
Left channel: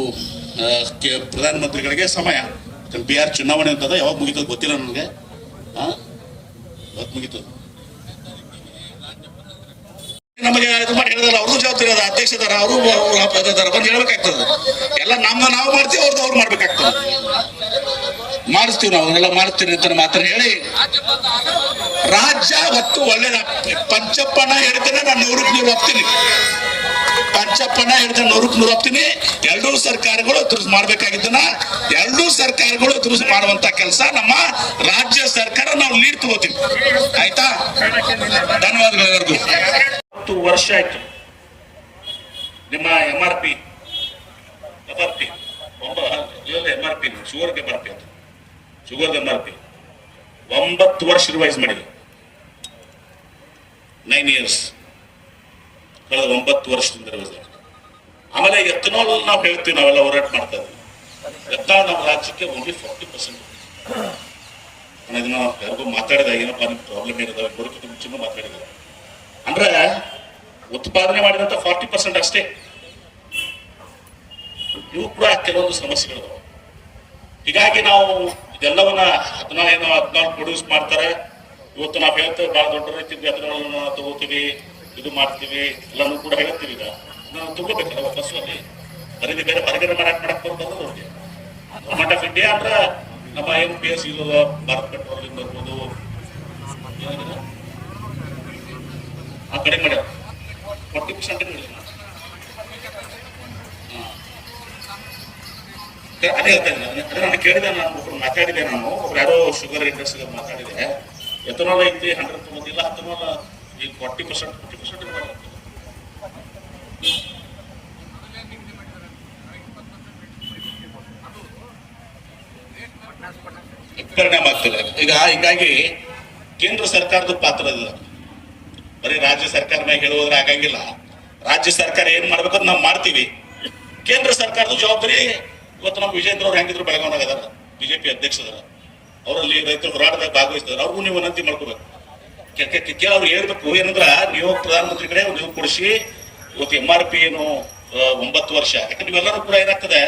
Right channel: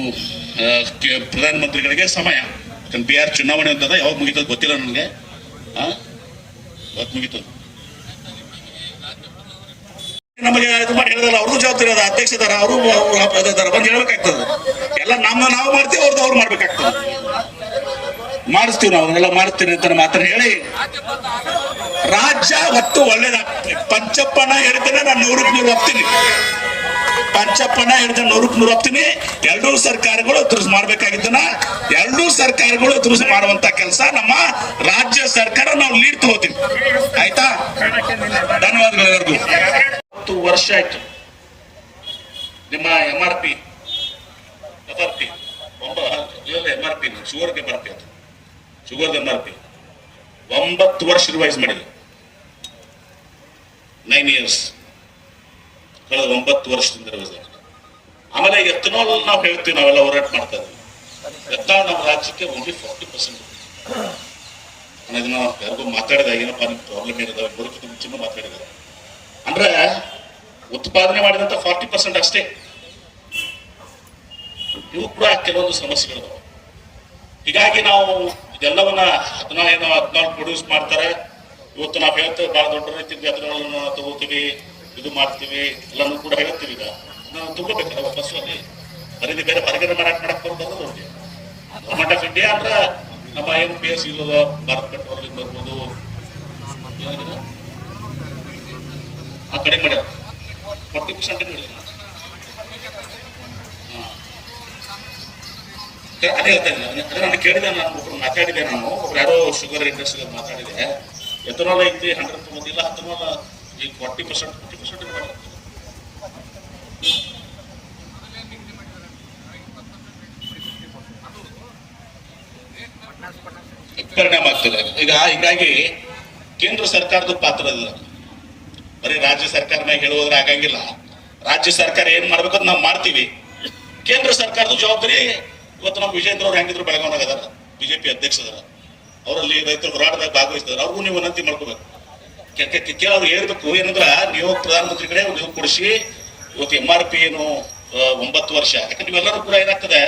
ಪ್ರಧಾನಮಂತ್ರಿಗಳಿಗೆ ಸಮಯ, ಬಿಹಾರ್ ಚುನಾವಣೆ ಅಂತದ, ಯಾವಾಗ ಮುಗಿತದ ಗೊತ್ತಿಲ್ಲ ನನಗೆ. ಯಾವಾಗ ಮುಗಿತದ ನಮಗೆ ಇದು ಮಾಡಿ ಹೇಳಿದಲ್ಲ, ಅವ್ರದ್ದು ಜವಾಬ್ದಾರಿ ಅದ, ಅಧ್ಯಕ್ಷದಾರ ಅವರು ಬಂದು ಹೇಳ್ಬೇಕಾಗ್ತದೆ. ಎಲ್ಲ ನಾವು ಮಾಡ್ತೀವಿ, ಅವ್ರು ಮಾಡ್ಬೇಕಾಗ್ತದೆ. ಮಾಡಿಸ್ತೀವಿ, ನಾವು ಎಲ್ಲ ಮಾಡಿಸ್ತೀವಿ ಅಂತ ಮಾತ್ರ ಹೇಳಿ ರಾಜ್ಯ ಒಟ್ಟು ಒಳ್ಳೇದ. ಪಂಚಪ್ಪನ ಹೇಳಿದ್ರೆ ನಾನು 100ಕ್ಕೆ 100 ಒಪ್ತೀನಿ. ಪಂಚಪ್ಪನ ಹೇಳಿದ್ರೆ 100ಕ್ಕೆ 100 ಒಪ್ತೀನಿ. 2 ಸರ್ಕಾರಗಳು ಎದುರಿಸಿ ಮಾಡ್ಬೇಕಾಗಿದ್ದನ್ನ 2 ಸರ್ಕಾರಗಳು ಎದುರಿಸಿ ಮಾಡುವಂತ ಕೆಲಸ ನಮ್ಮ ರಾಜ್ಯ ಸರ್ಕಾರ ನಾವು ಲೀಡ್ ತಗೋತೀವಿ. ಆಯ್ತಾ? ಧನ್ಯವಾದಗಳು ಎಲ್ಲರಿಗೂ. 10 ವರ್ಷ ಆಯ್ತು ನಿಮ್ಮ MRP ಶುಗರ್ MRP ಅಂತ ಶುಗರ್ MRP 9 ವರ್ಷ ರಿವೈಸ್ ಮಾಡಿ. 9 years ಕಳೆದ 9 ವರ್ಷದಿಂದ ರಿವೈಸ್ ಆಗಿದೆ. ಆಮೇಲೆ ಎತ್ತನಾಲ್ ನಾವು ಹೇಳ್ತೀವಿ, ನಾವೆಲ್ಲ ಹೋರಾಟ ಮಾಡ್ತಾ ಇದ್ದೀವಿ. ಎತ್ತನಾಲ್ ನಮ್ಮ ರಾಜ್ಯಕ್ಕೆ ಓನ್ಲಿ 40%. ಅದನ್ನ ಯಾರಿಗೂ ಮಾತಾಡಿದಾಗ ಏನಪ್ಪ ನಿಮ್ ಪ್ರಾಬ್ಲಮ್ ಏನಿದಾವೆ ಬರೋದಕ್ಕೆ ಮುಂಚೆನೂ ಮಾತಾಡಿದ್ದಾರೆ. ಅಂದ್ರೆ ಉತ್ಪಾದನೆ ಮಾಡಿದಂತ 40% ಅಷ್ಟೇ. ಇವು ಕೂಡ ಕೆಲವೊಂದು ಸಮಸ್ಯೆಗಳು. ಹೀಗಾಗಿ ನಾವು ಇದೆಲ್ಲವನ್ನ 14 ಪ್ರೊಡ್ಯೂಸ್ ಮಾಡ್ತಾರೆ. ಇವತ್ತು ನಾವು ಹೇಳ್ತೇವೆ ಬಹಳ ದೊಡ್ಡ ರೀತಿಯಲ್ಲಿ ಅದನ್ನ ತಗೋತೀವಿ, ಇದು ಮಾಡ್ತೀವಿ, ಎಲ್ಲರೂ ಕೂಡ ಹೇಳ್ತೀವಿ. ಈಗ ತಗೋಬೇಕಲ್ಲ ವಾಪಸ್ ಖರೀದಿ ಬೇರೆ ಹೊರಗಡೆ ಮಾರಾಟ ಮಾಡಕ್ ಬರೋದು. ಗೌರ್ಮೆಂಟ್ ಆಫ್ ಇಂಡಿಯಾ ಅಂದ್ರ ನಮ್ಮ ಏನು PS ಇರೋದು ಭಾರತ್ ಪೆಟ್ರೋಲಿಂಗ್ ಬರ್ಬೋದು, ಆ ಕಡೆ ಮಾಡ್ಯಾರ 40% ಅದೇ ಹೇಳ್ತೇನೆ ನಾನು ಕೇಳಿದೆ, ನಾನು ಮಾತಾಡಿದೆ, ನಾನು ಯಾರೋ ಶುಗರ್ ಇಂಡಸ್ಟ್ರಿ ಮಾತಾಡಿದೆ, ಎಥನಾಲ್ ಐತಿ 100% ಇಲ್ಲ, ಎಥನಾಲ್ ಈಗ 40% ಪರಿಣಾಮ ಆಗ್ತದೆ. ಹೀಗಾಗಿ ಕೇಂದ್ರ ಸರ್ಕಾರದ ಪಾತ್ರ ಅದ, ಬರೀ ರಾಜ್ಯ ಸರ್ಕಾರನಾಗ ಹೇಳುವುದ್ರೆ ಆಗಂಗಿಲ್ಲ. ರಾಜ್ಯ ಸರ್ಕಾರ ಏನ್ ಮಾಡ್ಬೇಕು ನಾವು ಮಾಡ್ತೀವಿ. ಕೇಂದ್ರ ಸರ್ಕಾರದ ಜವಾಬ್ದಾರಿ ಇವತ್ತು ನಮ್ಮ ವಿಜೇಂದ್ರ ಅವ್ರು ಹೆಂಗಿದ್ರು ಬೆಳಗಾವಿನಾಗ ಅದಾರ, ಬಿಜೆಪಿ ಅಧ್ಯಕ್ಷದಾರ, ಅವರಲ್ಲಿ ರೈತರ ಹೋರಾಟದಾಗ ಭಾಗವಹಿಸಿದಾರೆ. ಅವ್ರಿಗೂ ನೀವು ವಿನಂತಿ ಮಾಡ್ಕೋಬೇಕು. ಕೇಳೋರು ಹೇಳ್ಬೇಕು ಏನಂದ್ರ, ನೀವು ಪ್ರಧಾನಮಂತ್ರಿ ಕಡೆ ನೀವು ಕೊಡಿಸಿ ಇವತ್ತು MRP ಏನು 9 ವರ್ಷ, ಯಾಕಂದ್ರೆ ನೀವೆಲ್ಲರೂ ಕೂಡ ಏನಾಗ್ತದೆ,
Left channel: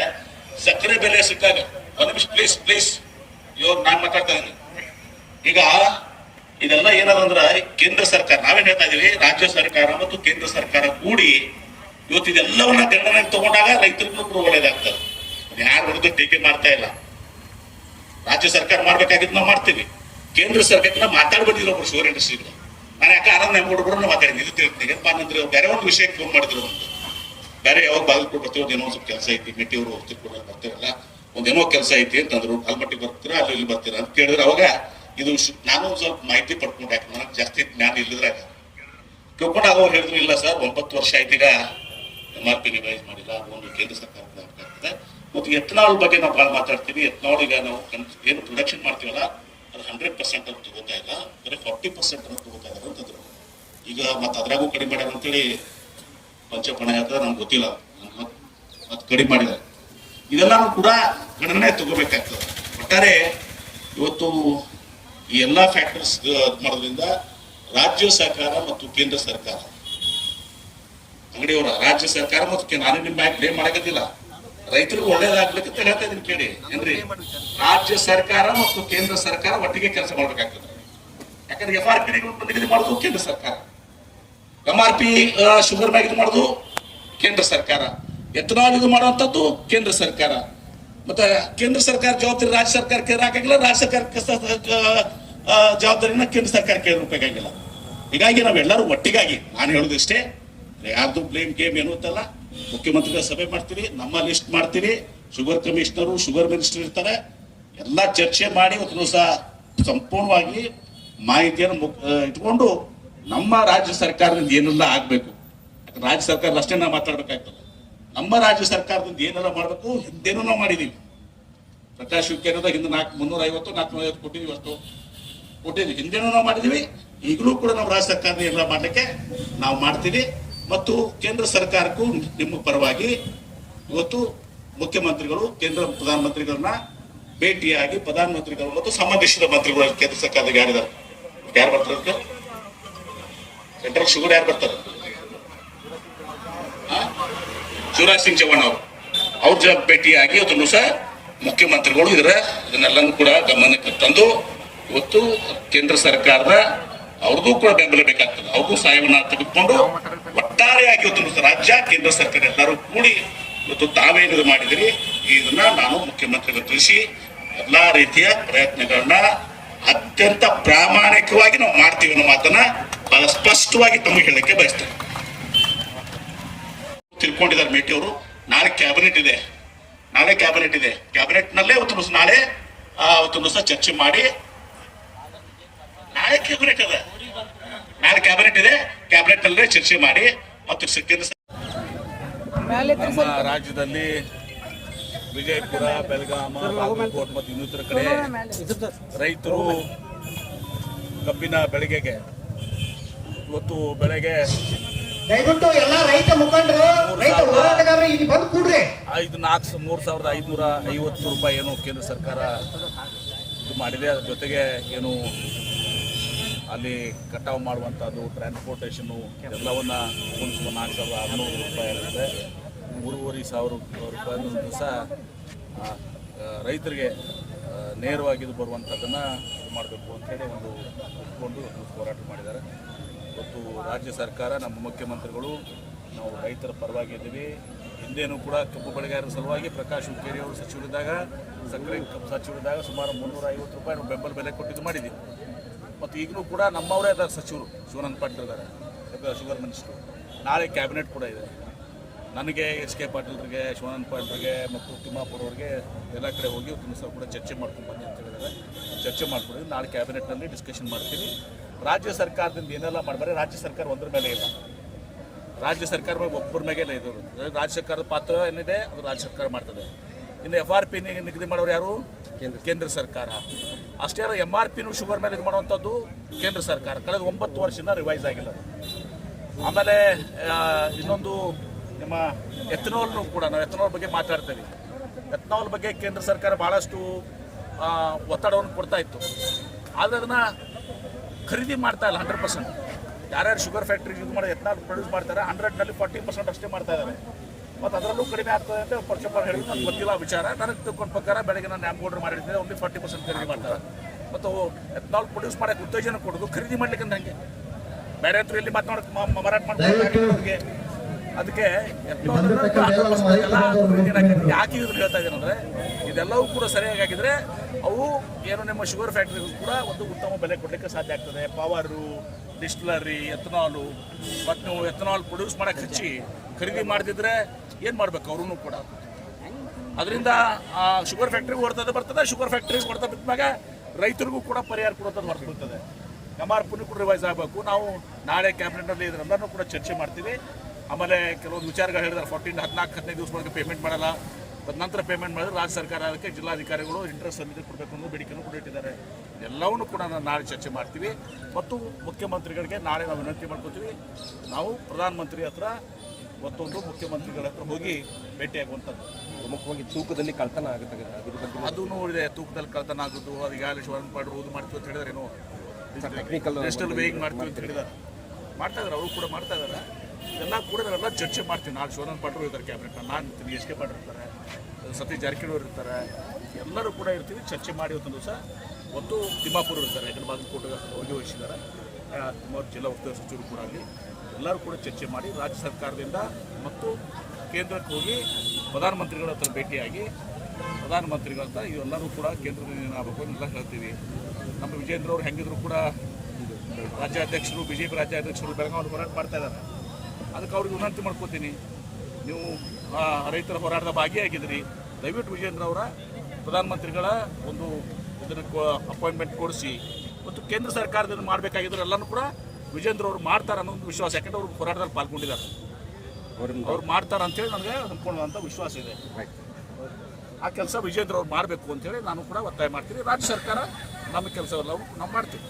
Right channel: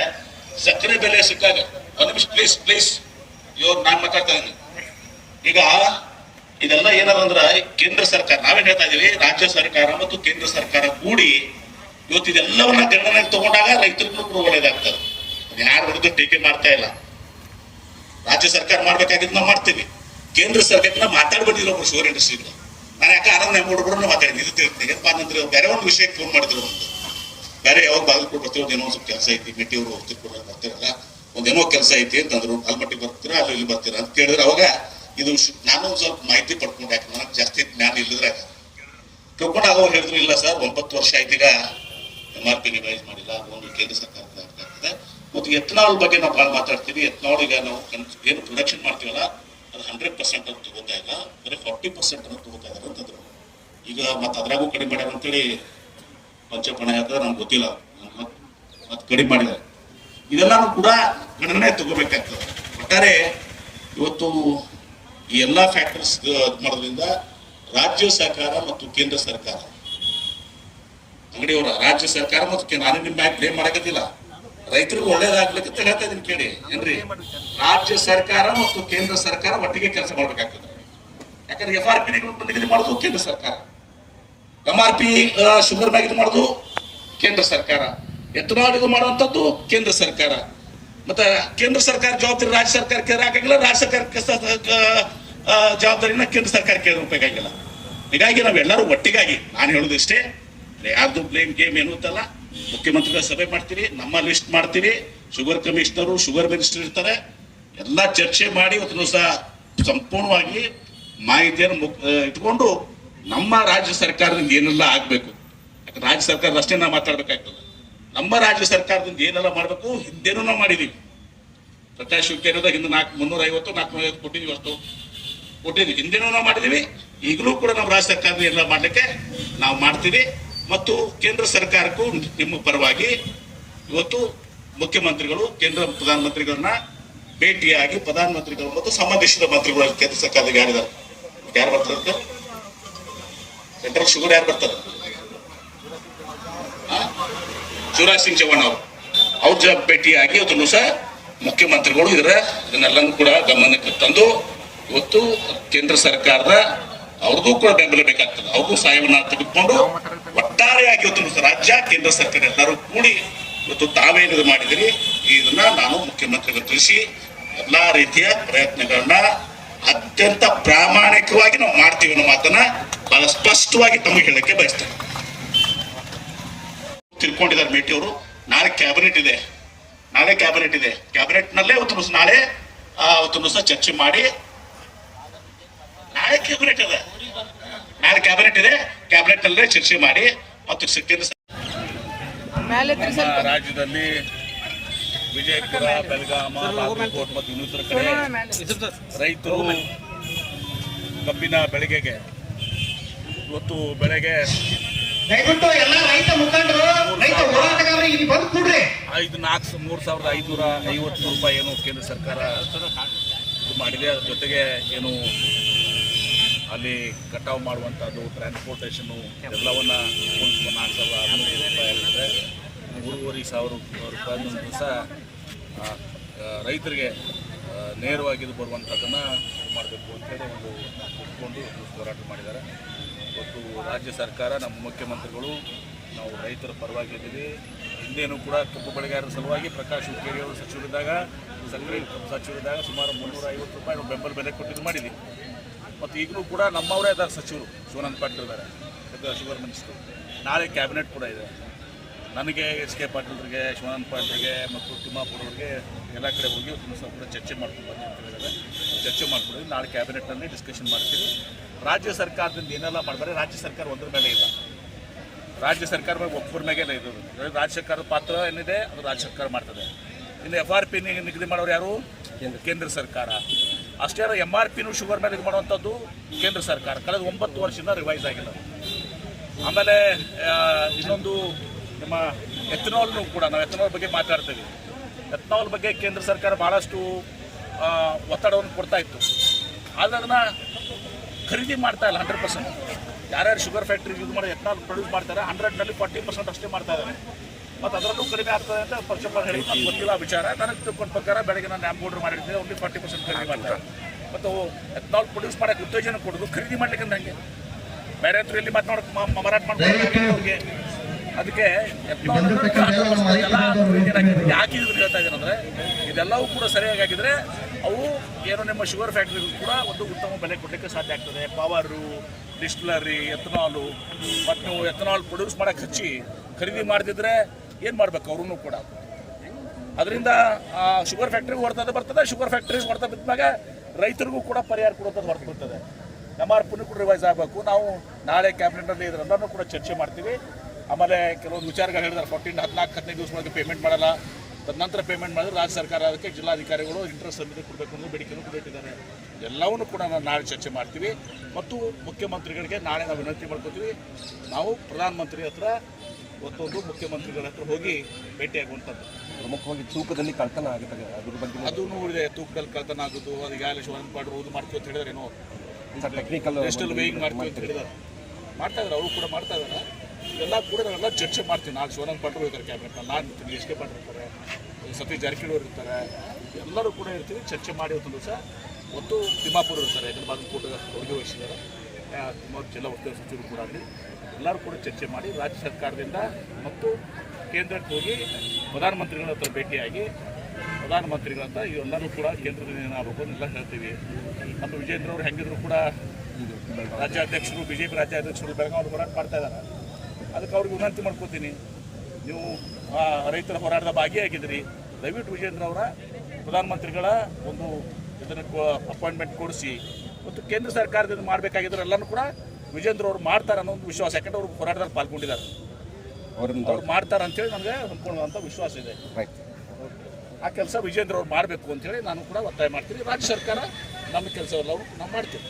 ಸಕ್ಕರೆ ಬೆಲೆ ಸಿಕ್ಕಾಗ ಒಂದು ನಿಮಿಷ ಪ್ಲೀಸ್ ಇವ್ರು ನಾನು ಮಾತಾಡ್ತೇನೆ. ಈಗ ಇದೆಲ್ಲ ಏನದಂದ್ರ ಕೇಂದ್ರ ಸರ್ಕಾರ, ನಾವೇನ್ ಹೇಳ್ತಾ ಇದೀವಿ, ರಾಜ್ಯ ಸರ್ಕಾರ ಮತ್ತು ಕೇಂದ್ರ ಸರ್ಕಾರ ಕೂಡಿ ಇವತ್ತು ಇದೆಲ್ಲವನ್ನ ಗಣನೆಗೆ ತಗೊಂಡಾಗ ರೈತರಿಗೂ ಕೂಡ ಒಳ್ಳೇದಾಗ್ತದೆ. ಯಾರು ಹುಡುಗ ಟೀಕೆ ಮಾಡ್ತಾ ಇಲ್ಲ. ರಾಜ್ಯ ಸರ್ಕಾರ ಮಾಡ್ಬೇಕಾಗಿದ್ದು ನಾವು ಮಾಡ್ತೀವಿ. ಕೇಂದ್ರ ಸರ್ಕಾರಕ್ಕೆ ಮಾತಾಡ್ಬಿಟ್ಟಿದ್ರು ಒಬ್ರು ಶುಗರ್ ಇಂಡಸ್ಟ್ರಿ. ನಾನು ಯಾಕೆ ಆನಂದ್ ನೆಮ್ಮೂಡ್ರು ಮಾತಾಡಿದ್ವಿ, ಇದು ತಿಳ್ತೀನಿ. ಪಾನಂತ್ರಿ ಅವ್ರು ಬೇರೆ ಒಂದು ವಿಷಯಕ್ಕೆ ಫೋನ್ ಮಾಡಿದ್ರು, ಬೇರೆ ಯಾವಾಗ ಬಾಗಲಕೋಟೆ ಬರ್ತೀವಿ, ಒಂದೇನೋ ಸ್ವಲ್ಪ ಕೆಲಸ ಐತಿ, ಮೆಟ್ಟಿ ಅವರು ಹೋಗ್ತಿರ್ಕೊಂಡು ಬರ್ತೀರಲ್ಲ, ಒಂದೇನೋ ಕೆಲಸ ಐತಿ ಅಂತಂದ್ರು, ಅಲ್ಮಟ್ಟಿಗೆ ಬರ್ತೀರಾ ಅಲ್ಲಿ ಇಲ್ಲಿ ಬರ್ತೀರಾ ಅಂತ ಕೇಳಿದ್ರೆ, ಅವಾಗ ಇದು ನಾನು ಸ್ವಲ್ಪ ಮಾಹಿತಿ ಪಡ್ಕೊಂಡು, ಯಾಕೆ ನನಗೆ ಜಾಸ್ತಿ ಜ್ಞಾನ ಇಲ್ಲದ್ರಾಗ ತಿಳ್ಕೊಂಡಾಗ ಅವ್ರು ಹೇಳಿದ್ರು, ಇಲ್ಲ ಸರ್ 9 ವರ್ಷ ಆಯ್ತೀಗ MRP ರಿವೈಸ್ ಮಾಡಿಲ್ಲ, ಒಂದು ಕೇಂದ್ರ ಸರ್ಕಾರ ಆಗ್ತದೆ. ಮತ್ತು ಎಥನಾಲ್ ಬಗ್ಗೆ ನಾವು ಭಾಳ ಮಾತಾಡ್ತೀವಿ. ಎಥನಾಲ್ ಈಗ ನಾವು ಏನು ಪ್ರೊಡಕ್ಷನ್ ಮಾಡ್ತೀವಲ್ಲ, ಅದು 100% ಅಂತ ತಗೋತಾ ಇಲ್ಲ, ಬರೀ 40% ಅಂತ ತಗೋತಾ ಇದ್ದಾರೆ ಅಂತಂದ್ರು. ಈಗ ಮತ್ತೆ ಅದ್ರಾಗೂ ಕಡಿಮೆ ಮಾಡ್ಯಾರ ಅಂತೇಳಿ ಪಂಚಪಣ ಹೇಳ್ತಾರೆ, ನಮ್ಗೆ ಗೊತ್ತಿಲ್ಲ, ಮತ್ತೆ ಕಡಿಮೆ ಮಾಡಿದ್ದಾರೆ. ಇದೆಲ್ಲ ಕೂಡ ಗಣನೆ ತಗೋಬೇಕಾಗ್ತದೆ. ಒಟ್ಟಾರೆ ಇವತ್ತು ಈ ಎಲ್ಲಾ ಫ್ಯಾಕ್ಟರ್ಸ್ ಮಾಡೋದ್ರಿಂದ ರಾಜ್ಯ ಸರ್ಕಾರ ಮತ್ತು ಕೇಂದ್ರ ಸರ್ಕಾರ, ಅಂಗಡಿಯವರ ರಾಜ್ಯ ಸರ್ಕಾರ ಮತ್ತು ನಾನು ನಿಮ್ಮ ಬ್ಲೇಮ್ ಮಾಡಕತ್ತಿಲ್ಲ, ರೈತರಿಗೂ ಒಳ್ಳೇದಾಗ್ಲಿಕ್ಕೆ ಹೇಳ್ತಾ ಇದೀನಿ ಕೇಳಿ ಏನ್ರಿ. ರಾಜ್ಯ ಸರ್ಕಾರ ಮತ್ತು ಕೇಂದ್ರ ಸರ್ಕಾರ ಒಟ್ಟಿಗೆ ಕೆಲಸ ಮಾಡ್ಬೇಕಾಗ್ತದೆ. ಯಾಕಂದ್ರೆ FRP ನಿಗದಿ ಮಾಡೋದು ಕೇಂದ್ರ ಸರ್ಕಾರ, MRP ಶುಗರ್ ಮ್ಯಾಗ್ ಇದು ಮಾಡೋದು ಕೇಂದ್ರ ಸರ್ಕಾರ, ಎಥನಾಲ್ ಇದು ಮಾಡುವಂತದ್ದು ಕೇಂದ್ರ ಸರ್ಕಾರ. ಮತ್ತೆ ಕೇಂದ್ರ ಸರ್ಕಾರ ಜವಾಬ್ದಾರಿ ರಾಜ್ಯ ಸರ್ಕಾರಕ್ಕೆ ಹಾಕಾಗಿಲ್ಲ, ರಾಜ್ಯ ಸರ್ಕಾರಕ್ಕೆ ಜವಾಬ್ದಾರಿನ ಕೇಂದ್ರ ಸರ್ಕಾರ ಕೇಳಬೇಕಾಗಿಲ್ಲ. ಹೀಗಾಗಿ ನಾವೆಲ್ಲರೂ ಒಟ್ಟಿಗಾಗಿ, ನಾನು ಹೇಳುದಿಷ್ಟೇ, ಯಾರ್ದು ಬ್ಲೇಮ್ ಗೇಮ್ ಏನು ಅಂತಲ್ಲ. ಮುಖ್ಯಮಂತ್ರಿಗಳ ಸಭೆ ಮಾಡ್ತೀರಿ, ನಮ್ಮ ಲಿಸ್ಟ್ ಮಾಡ್ತೀರಿ, ಶುಗರ್ ಕಮಿಷನರು ಶುಗರ್ ಮಿನಿಸ್ಟರ್ ಇರ್ತಾರೆ, ಎಲ್ಲ ಚರ್ಚೆ ಮಾಡಿ ಇವತ್ತು ಸಹ ಸಂಪೂರ್ಣವಾಗಿ ಮಾಹಿತಿಯನ್ನು ಇಟ್ಕೊಂಡು ನಮ್ಮ ರಾಜ್ಯ ಸರ್ಕಾರದಿಂದ ಏನೆಲ್ಲ ಆಗ್ಬೇಕು, ಯಾಕಂದ್ರೆ ರಾಜ್ಯ ಸರ್ಕಾರದ ಅಷ್ಟೇ ನಾವು ಮಾತಾಡ್ಬೇಕಾಗ್ತದೆ. ನಮ್ಮ ರಾಜ್ಯ ಸರ್ಕಾರದಿಂದ ಏನೆಲ್ಲ ಮಾಡ್ಬೇಕು, ಹಿಂದೇನೂ ನಾವು ಮಾಡಿದೀವಿ. ಪ್ರಕಾಶ್ ಹುಕ್ಕೇರಿದ ಹಿಂದೆ 350-450 ಕೊಟ್ಟಿದ್ವಿ, ಅಷ್ಟು ಕೊಟ್ಟಿದ್ವಿ, ಹಿಂದೇನೂ ನಾವು ಮಾಡಿದೀವಿ. ಈಗಲೂ ಕೂಡ ನಮ್ಮ ರಾಜ್ಯ ಸರ್ಕಾರದ ಎಲ್ಲ ಮಾಡ್ಲಿಕ್ಕೆ ನಾವು ಮಾಡ್ತೀವಿ. ಮತ್ತು ಕೇಂದ್ರ ಸರ್ಕಾರಕ್ಕೂ ನಿಮ್ಮ ಪರವಾಗಿ ಇವತ್ತು ಮುಖ್ಯಮಂತ್ರಿಗಳು ಕೇಂದ್ರ ಪ್ರಧಾನಮಂತ್ರಿಗಳನ್ನ ಭೇಟಿಯಾಗಿ, ಪ್ರಧಾನಮಂತ್ರಿಗಳು ಮತ್ತು ಸಂಬಂಧಿಸಿದ ಮಂತ್ರಿಗಳು ಕೇಂದ್ರ ಸರ್ಕಾರದ ಯಾರು ಬರ್ತಾರೆ, ಸೆಂಟ್ರಲ್ ಶುಗರ್ ಯಾರು ಬರ್ತಾರೆ, ಶಿವರಾಜ್ ಸಿಂಗ್ ಚೌಹಾಣ್ ಅವ್ರ ಭೇಟಿಯಾಗಿ ಅದನ್ನು ಸಹ ಮುಖ್ಯಮಂತ್ರಿಗಳು ಇದನ್ನೆಲ್ಲನೂ ಕೂಡ ಗಮನಕ್ಕೆ ತಂದು ಇವತ್ತು ಕೇಂದ್ರ ಸರ್ಕಾರದ ಅವ್ರದ್ದು ಕೂಡ ಬೆಂಬಲ ಬೇಕಾಗ್ತದೆ. ಅವ್ರಿಗೂ ಸಹಾಯವನ್ನ ತೆಗೆದುಕೊಂಡು ಒಟ್ಟಾರೆಯಾಗಿ ಇವತ್ತು ರಾಜ್ಯ ಕೇಂದ್ರ ಸರ್ಕಾರ ಎಲ್ಲರೂ ಕೂಡಿ ಇವತ್ತು ತಾವೇನಿದು ಮಾಡಿದಿರಿ, ಇದನ್ನ ನಾನು ಮುಖ್ಯಮಂತ್ರಿಗಳು ತಿಳಿಸಿ ಎಲ್ಲಾ ರೀತಿಯ ಪ್ರಯತ್ನಗಳನ್ನ ಅತ್ಯಂತ ಪ್ರಾಮಾಣಿಕವಾಗಿ ನಾವು ಮಾಡ್ತೀವಿ ಅನ್ನೋ ಮಾತನ್ನ ಬಹಳ ಸ್ಪಷ್ಟವಾಗಿ ತಮಗೆ ಹೇಳಕ್ಕೆ ಬಯಸ್ತೇನೆ. ತಿಳ್ಕೊಂಡಿದ್ದಾರೆ ಭೇಟಿ ಅವರು. ನಾಳೆ ಕ್ಯಾಬಿನೆಟ್ ಇದೆ, ಕ್ಯಾಬಿನೆಟ್ ನಲ್ಲೇ ನಾಳೆ ಸಹ ಚರ್ಚೆ ಮಾಡಿ, ನಾಳೆ ಕ್ಯಾಬಿನೆಟ್ ಇದೆ, ಕ್ಯಾಬಿನೆಟ್ ನಲ್ಲೇ ಚರ್ಚೆ ಮಾಡಿ ಮತ್ತು ರಾಜ್ಯದಲ್ಲಿ ವಿಜಯಪುರ, ಬೆಳಗಾಮ, ಬಾಗಲಕೋಟೆ ಮತ್ತು ಇನ್ನಿತರ ಕಡೆ ರೈತರು ಕಬ್ಬಿನ ಬೆಳೆಗೆ ಇವತ್ತು ಬೆಳೆಗೆ ದಯವಿಟ್ಟು ಎಲ್ಲ ರೈತ ಮುಖಂಡರು, ರೈತ ಹೋರಾಟಗಾರರು ಇಲ್ಲಿ ಬಂದು ಕೂಡ್ರಿ. 3,550 ರೂಪಾಯಿ ಏನು ಕೇಂದ್ರ ಸರ್ಕಾರ ಮಾಡಿದೆ. ಅದ್ರ ಜೊತೆಗೆ ಏನು ಅಲ್ಲಿ ಕಟಾವು ಮಾಡುವಂಥದ್ದು, ಟ್ರಾನ್ಸ್ಪೋರ್ಟೇಷನ್ನು ಎಲ್ಲವನ್ನ 4,600 ರೂಪಾಯಿ ಆಗಿದೆ. 3,500 ರೂಪಾಯಿ ದಿವಸ ರೈತರಿಗೆ ನೇರವಾಗಿ ಇದು ಬರುವಂಥದ್ದನ್ನು ಮಾಡಬೇಕು ಅಂತೇಳಿ ಒಪ್ಪಿಕೊಂಡು ಹೋರಾಟ ಮಾಡಿದ್ದಾರೆ. ಇವತ್ತು ರಾಜ್ಯ ಸರ್ಕಾರ, ನಮ್ಮ ಮುಖ್ಯಮಂತ್ರಿಗಳು, ನಾವು ರೈತರ ಪರವಾಗಿದ್ದೀವಿ. ಹಿಂದೇನು ಕೂಡ ಕಬ್ಬು ಬೆಳೆಗಾರರ ಸಲುವಾಗಿ ಪ್ರಕಾಶ್ ಹುಕ್ಕೇರಿ ಅವರು ಸಚಿವರಿದ್ದಾಗ, ಸಕ್ಕರೆ ಕಬ್ಬು ಸಚಿವರಿದ್ದಾಗ ಸುಮಾರು 350 ರೂಪಾಯಿ ನಾವು ಬೆಂಬಲ ಬೆಲೆ ಕೊಟ್ಟಿದ್ದು ಮಾಡಿದ್ದೀವಿ. ಮತ್ತು ಈಗಲೂ ಕೂಡ ನಮ್ಮವರೇ ಇದ್ದಾರೆ ಸಚಿವರು, ಶಿವಾನಂದ ಪಾಟೀಲ್ ಇದ್ದಾರೆ, ಶುಗರ್ ಮಿನಿಸ್ಟರ್. ನಾಳೆ ಕ್ಯಾಬಿನೆಟ್ ಕೂಡ ಇದೆ. ನನಗೆ ಎಸ್ ಕೆ ಪಾಟೀಲ್ರಿಗೆ, ಶಿವಾನಂದ ಪಾಟೀಲ್ರಿಗೆ ಮತ್ತು ತಿಮ್ಮಾಪುರ ಅವರಿಗೆ ಎಲ್ಲ ಕಡೆ ಹೋಗಿ ಒಂದು ಸಹ ಕೂಡ ಚರ್ಚೆ ಮಾಡ್ಕೊಂಡು ಬನ್ನಿ ಅಂತ ಹೇಳಿದ್ದಾರೆ. ಚರ್ಚೆ ಮಾಡ್ಕೊಂಡು ನಾಳೆ ಕ್ಯಾಬಿನೆಟ್ನಲ್ಲಿ ಡಿಸ್ಕಷನ್ ಮಾಡ್ತೀವಿ. ರಾಜ್ಯ ಸರ್ಕಾರದಿಂದ ಏನೆಲ್ಲ ಮಾಡಿದರೆ ರಾಜ್ಯ ಸರ್ಕಾರ ಒಂದ್ರ ಮೇಲೆ ಇಲ್ಲ, ರಾಜ್ಯ ಸರ್ಕಾರ ಒಬ್ಬರ ಮೇಲೆ ಇದು ರಾಜ್ಯ ಸರ್ಕಾರದ ಪಾತ್ರ ಏನಿದೆ ಅದು ರಾಜ್ಯ ಸರ್ಕಾರ ಮಾಡ್ತದೆ. ಇನ್ನು FRP ನಿಗದಿ ಮಾಡೋರು ಯಾರು? ಕೇಂದ್ರ ಸರ್ಕಾರ. ಅಷ್ಟೇ ಅಲ್ಲ, MRPನೂ ಶುಗರ್ ಮೇಲೆ ಇದು ಮಾಡುವಂಥದ್ದು ಕೇಂದ್ರ ಸರ್ಕಾರ. ಕಳೆದ 9 ವರ್ಷದಿಂದ ರಿವೈಸ್ ಆಗಿಲ್ಲ. ಆಮೇಲೆ ಇನ್ನೊಂದು ನಮ್ಮ ಎಥನಾಲ್ನು ಕೂಡ, ನಾವು ಎಥನಾಲ್ ಬಗ್ಗೆ ಮಾತಾಡ್ತೇವೆ. ಎಥನಾಲ್ ಬಗ್ಗೆ ಕೇಂದ್ರ ಸರ್ಕಾರ ಭಾಳಷ್ಟು ಒತ್ತಡವನ್ನು ಕೊಡ್ತಾ ಇತ್ತು. ಆದರೆ ಅದನ್ನು ಖರೀದಿ ಮಾಡ್ತಾ ಇಲ್ಲ 100%. ಯಾರ್ಯಾರು ಶುಗರ್ ಫ್ಯಾಕ್ಟ್ರಿ ಯೂಸ್ ಮಾಡಿ ಎಥನಾಲ್ ಪ್ರೊಡ್ಯೂಸ್ ಮಾಡ್ತಾರೆ 100ನಲ್ಲಿ 40% ಅಷ್ಟೇ ಮಾಡ್ತಾ ಇದ್ದಾರೆ. ಮತ್ತು ಅದರಲ್ಲೂ ಕಡಿಮೆ ಆಗ್ತದೆ ಅಂತ ಪಕ್ಷಪಾತ ಹೇಳಿ ನಮ್ಗೆ ಗೊತ್ತಿಲ್ಲ ವಿಚಾರ. ನನಗೆ ತಿಳ್ಕೊಂಡು ಪ್ರಕಾರ ಬೆಳಗ್ಗೆ ನಾನು ನ್ಯಾಮ್ಗೌಡ್ರು ಮಾಡಿದ್ದೆ ಓನ್ಲಿ 40% ಖರೀದಿ ಮಾಡ್ತಾರೆ. ಮತ್ತು ಎಥನಾಲ್ ಪ್ರೊಡ್ಯೂಸ್ ಮಾಡೋಕ್ಕೆ ಉತ್ತೇಜನ ಕೊಡೋದು, ಖರೀದಿ ಮಾಡ್ಲಿಕ್ಕೆ ಹಂಗೆ ಬೇರೆ ಹತ್ರ ಎಲ್ಲಿ ಮಾತನಾಡೋಕೆ ಮಾರಾಟ ಮಾಡ್ತಾರೆ. ಅದಕ್ಕೆ ಯಾಕೆ ಇದನ್ನು ಹೇಳ್ತಾ ಇದ್ದಾರೆ ಅಂದರೆ, ಇದೆಲ್ಲವೂ ಕೂಡ ಸರಿಯಾಗಿ ಆಗಿದ್ರೆ ಅವು ಏನು ನಿಮ್ಮ ಶುಗರ್ ಫ್ಯಾಕ್ಟ್ರಿಗೂ ಕೂಡ ಒಂದು ಉತ್ತಮ ಬೆಲೆ ಕೊಡಲಿಕ್ಕೆ ಸಾಧ್ಯ ಆಗ್ತದೆ. ಪವರು, ಡಿಸ್ಟಿಲರಿ, ಎಥನಾಲು ಮತ್ತು ನೀವು ಎಥನಾಲ್ ಪ್ರೊಡ್ಯೂಸ್ ಮಾಡೋಕ್ಕೆ ಹಚ್ಚಿ ಖರೀದಿ ಮಾಡ್ತಿದ್ರೆ ಏನು ಮಾಡ್ಬೇಕು ಅವ್ರೂ ಕೂಡ. ಅದರಿಂದ ಶುಗರ್ ಫ್ಯಾಕ್ಟ್ರಿಗೆ ಹೊಡೆದ ಬರ್ತದೆ, ಶುಗರ್ ಫ್ಯಾಕ್ಟ್ರಿಗೆ ಹೊಡೆದ ಬಿದ್ದಾಗ ರೈತರಿಗೂ ಕೂಡ ಪರಿಹಾರ ಕೊಡೋದು ಹೊರತು ಬರ್ತದೆ. MRPನೂ ಕೂಡ ರಿವೈಸ್ ಆಗಬೇಕು. ನಾವು ನಾಳೆ ಕ್ಯಾಬಿನೆಟ್ನಲ್ಲಿ ಇದರೆಲ್ಲರೂ ಕೂಡ ಚರ್ಚೆ ಮಾಡ್ತೀವಿ. ಆಮೇಲೆ ಕೆಲವೊಂದು ವಿಚಾರಗಳು ಹೇಳಿದ್ದಾರೆ. 14-15 ದಿವಸಗಳಿಗೆ ಪೇಮೆಂಟ್ ಮಾಡಲ್ಲ, ತದನಂತರ ಪೇಮೆಂಟ್ ಮಾಡಿದ್ರೆ ರಾಜ್ಯ ಸರ್ಕಾರ ಅದಕ್ಕೆ ಜಿಲ್ಲಾಧಿಕಾರಿಗಳು ಇಂಟ್ರೆಸ್ಟ್ ಸಲ್ಲಿಕೆ ಕೊಡಬೇಕು ಅನ್ನೋ ಬೇಡಿಕೆಯನ್ನು ಕೂಡ ಇಟ್ಟಿದ್ದಾರೆ. ಎಲ್ಲವನ್ನೂ ಕೂಡ ನಾವು ನಾಳೆ ಚರ್ಚೆ ಮಾಡ್ತೀವಿ. ಮತ್ತು ಮುಖ್ಯಮಂತ್ರಿಗಳಿಗೆ ನಾಳೆ ನಾವು ವಿನಂತಿ ಮಾಡ್ಕೋತೀವಿ. ನಾವು ಪ್ರಧಾನಮಂತ್ರಿ ಹತ್ರ ಮತ್ತೊಂದು ಮುಖ್ಯಮಂತ್ರಿಗಳ ಹತ್ರ ಹೋಗಿ ಭೇಟಿಯಾಗುವಂಥದ್ದು. ಪ್ರಮುಖವಾಗಿ ತೂಕದಲ್ಲಿ ಕಳ್ತನ ಆಗುತ್ತೆ, ಅದ್ರ ಬಗ್ಗೆ ಅದೂ ಇದೆ. ತೂಕದಲ್ಲಿ ಕಳ್ತನ ಆಗೋದು, ಅದು ಈಗಾಗಲೇ ಶಿವಾನಂದ ಪಾಟೀಲ್ ಇದು ಮಾಡ್ತೀವಿ ಅಂತ ಹೇಳಿದ್ರೇನೋ, ಟೆಕ್ನಿಕಲ್ ಡಿಜಿಟಲ್ ವೇಯಿಂಗ್ ಮಾಡ್ತೀವಿ ಅಂತ ಹೇಳಿದ್ದಾರೆ. ಮಾಡ್ತಾ ಇದ್ದಾರೆ, ಅವರು ಕೂಡ ಮಾಡ್ತಾ ಇದ್ದಾರೆ. ಇದೆಲ್ಲ ಕೂಡ ನಾವೆಲ್ಲ ಚರ್ಚೆ ಮಾಡ್ತೀವಿ. ನಾಳೆ ಶಿವಾನಂದ ಪಾಟೀಲ್ ಇರ್ತಾರೆ ಕ್ಯಾಬಿನೆಟ್ನಲ್ಲಿ, ನಾನು ಇರ್ತೀನಿ, ಎಸ್ ಕೆ ಪಾಟೀಲ್ ಇರ್ತಾರೆ, ಸತೀಶ್ ಜಾರಕಿಹೊಳಿ ಇರ್ತಾರೆ, ಎಲ್ಲರೂ ಕೂಡ ಇರ್ತೀವಿ. ಚರ್ಚೆ ಮಾಡಿ ಇವತ್ತು ದಿವಸ ಮತ್ತು ತಿಮ್ಮಾಪುರ ಇರ್ತಾರೆ, ಯಾಕಂದ್ರೆ ಬಾಗಲಕೋಟೆ ಅವ್ರಿಗೆ ವಹಿಸಿದ್ದಾರೆ, ತಿಮ್ಮಾಪುರ ಜಿಲ್ಲಾ ಉಸ್ತುವಾರಿ ಸಚಿವರು ಕೂಡ ಆಗಲಿ, ಎಲ್ಲರೂ ಕೂಡ ಚರ್ಚೆ ಮಾಡಿ ರಾಜ್ಯ ಸರ್ಕಾರದಿಂದ ಮತ್ತು ಕೇಂದ್ರಕ್ಕೆ ಹೋಗಿ ಪ್ರಧಾನಮಂತ್ರಿಗಳ ಹತ್ರ ಭೇಟಿಯಾಗಿ ಪ್ರಧಾನಮಂತ್ರಿಗಳ ಹತ್ರ ಇವೆಲ್ಲರೂ ಕೂಡ ಕೇಂದ್ರದಿಂದ ಏನಾಗಬೇಕು ಅನ್ನೆಲ್ಲ ಹೇಳ್ತೀವಿ. ನಮ್ಮ ವಿಜೇಂದ್ರ ಅವರು ಹೆಂಗಿದ್ರು ಕೂಡ ರಾಜ್ಯಾಧ್ಯಕ್ಷರು, BJP ರಾಜ್ಯಾಧ್ಯಕ್ಷರು ಬೆಳಗಾವಿ ಹೋರಾಟ ಮಾಡ್ತಾ ಇದ್ದಾರೆ. ಅದಕ್ಕೆ ಅವ್ರಿಗೆ ವಿನಂತಿ ಮಾಡ್ಕೋತೀನಿ, ನೀವು ರೈತರ ಹೋರಾಟದ ಭಾಗಿಯಾಗಿದ್ದೀರಿ, ದಯವಿಟ್ಟು ವಿಜೇಂದ್ರ ಅವರ ಪ್ರಧಾನಮಂತ್ರಿಗಳ ಒಂದು ಇದನ್ನು ಅಪಾಯಿಂಟ್ಮೆಂಟ್ ಕೊಡಿಸಿ ಮತ್ತು ಕೇಂದ್ರ ಸರ್ಕಾರದಿಂದ ಮಾಡಬೇಕಾಗಿದ್ರೆ ಎಲ್ಲನೂ ಕೂಡ ವಿಜೇಂದ್ರ ಅವರು ಮಾಡ್ತಾರೆ ಅನ್ನೋ ಒಂದು ವಿಶ್ವಾಸ. ಯಾಕಂದ್ರೆ ಅವರು ಹೋರಾಟದಲ್ಲಿ ಪಾಲ್ಗೊಂಡಿದ್ದಾರೆ, ಅವ್ರು ಮಾಡ್ತಾರೆ ಅಂತೇಳಿ ನನಗೆ ಸಂಪೂರ್ಣವಾದಂಥ ವಿಶ್ವಾಸ ಇದೆ. ಆ ಕೆಲಸ ವಿಜೇಂದ್ರ ಅವ್ರು ಮಾಡಬೇಕು ಅಂತೇಳಿ ನಾನು ಕೂಡ ಒತ್ತಾಯ ಮಾಡ್ತೀನಿ. ರಾಜ್ಯ ಸರ್ಕಾರ ನಮ್ಮ ಕೆಲಸವೆಲ್ಲವೂ ನಾವು ಮಾಡ್ತೀವಿ.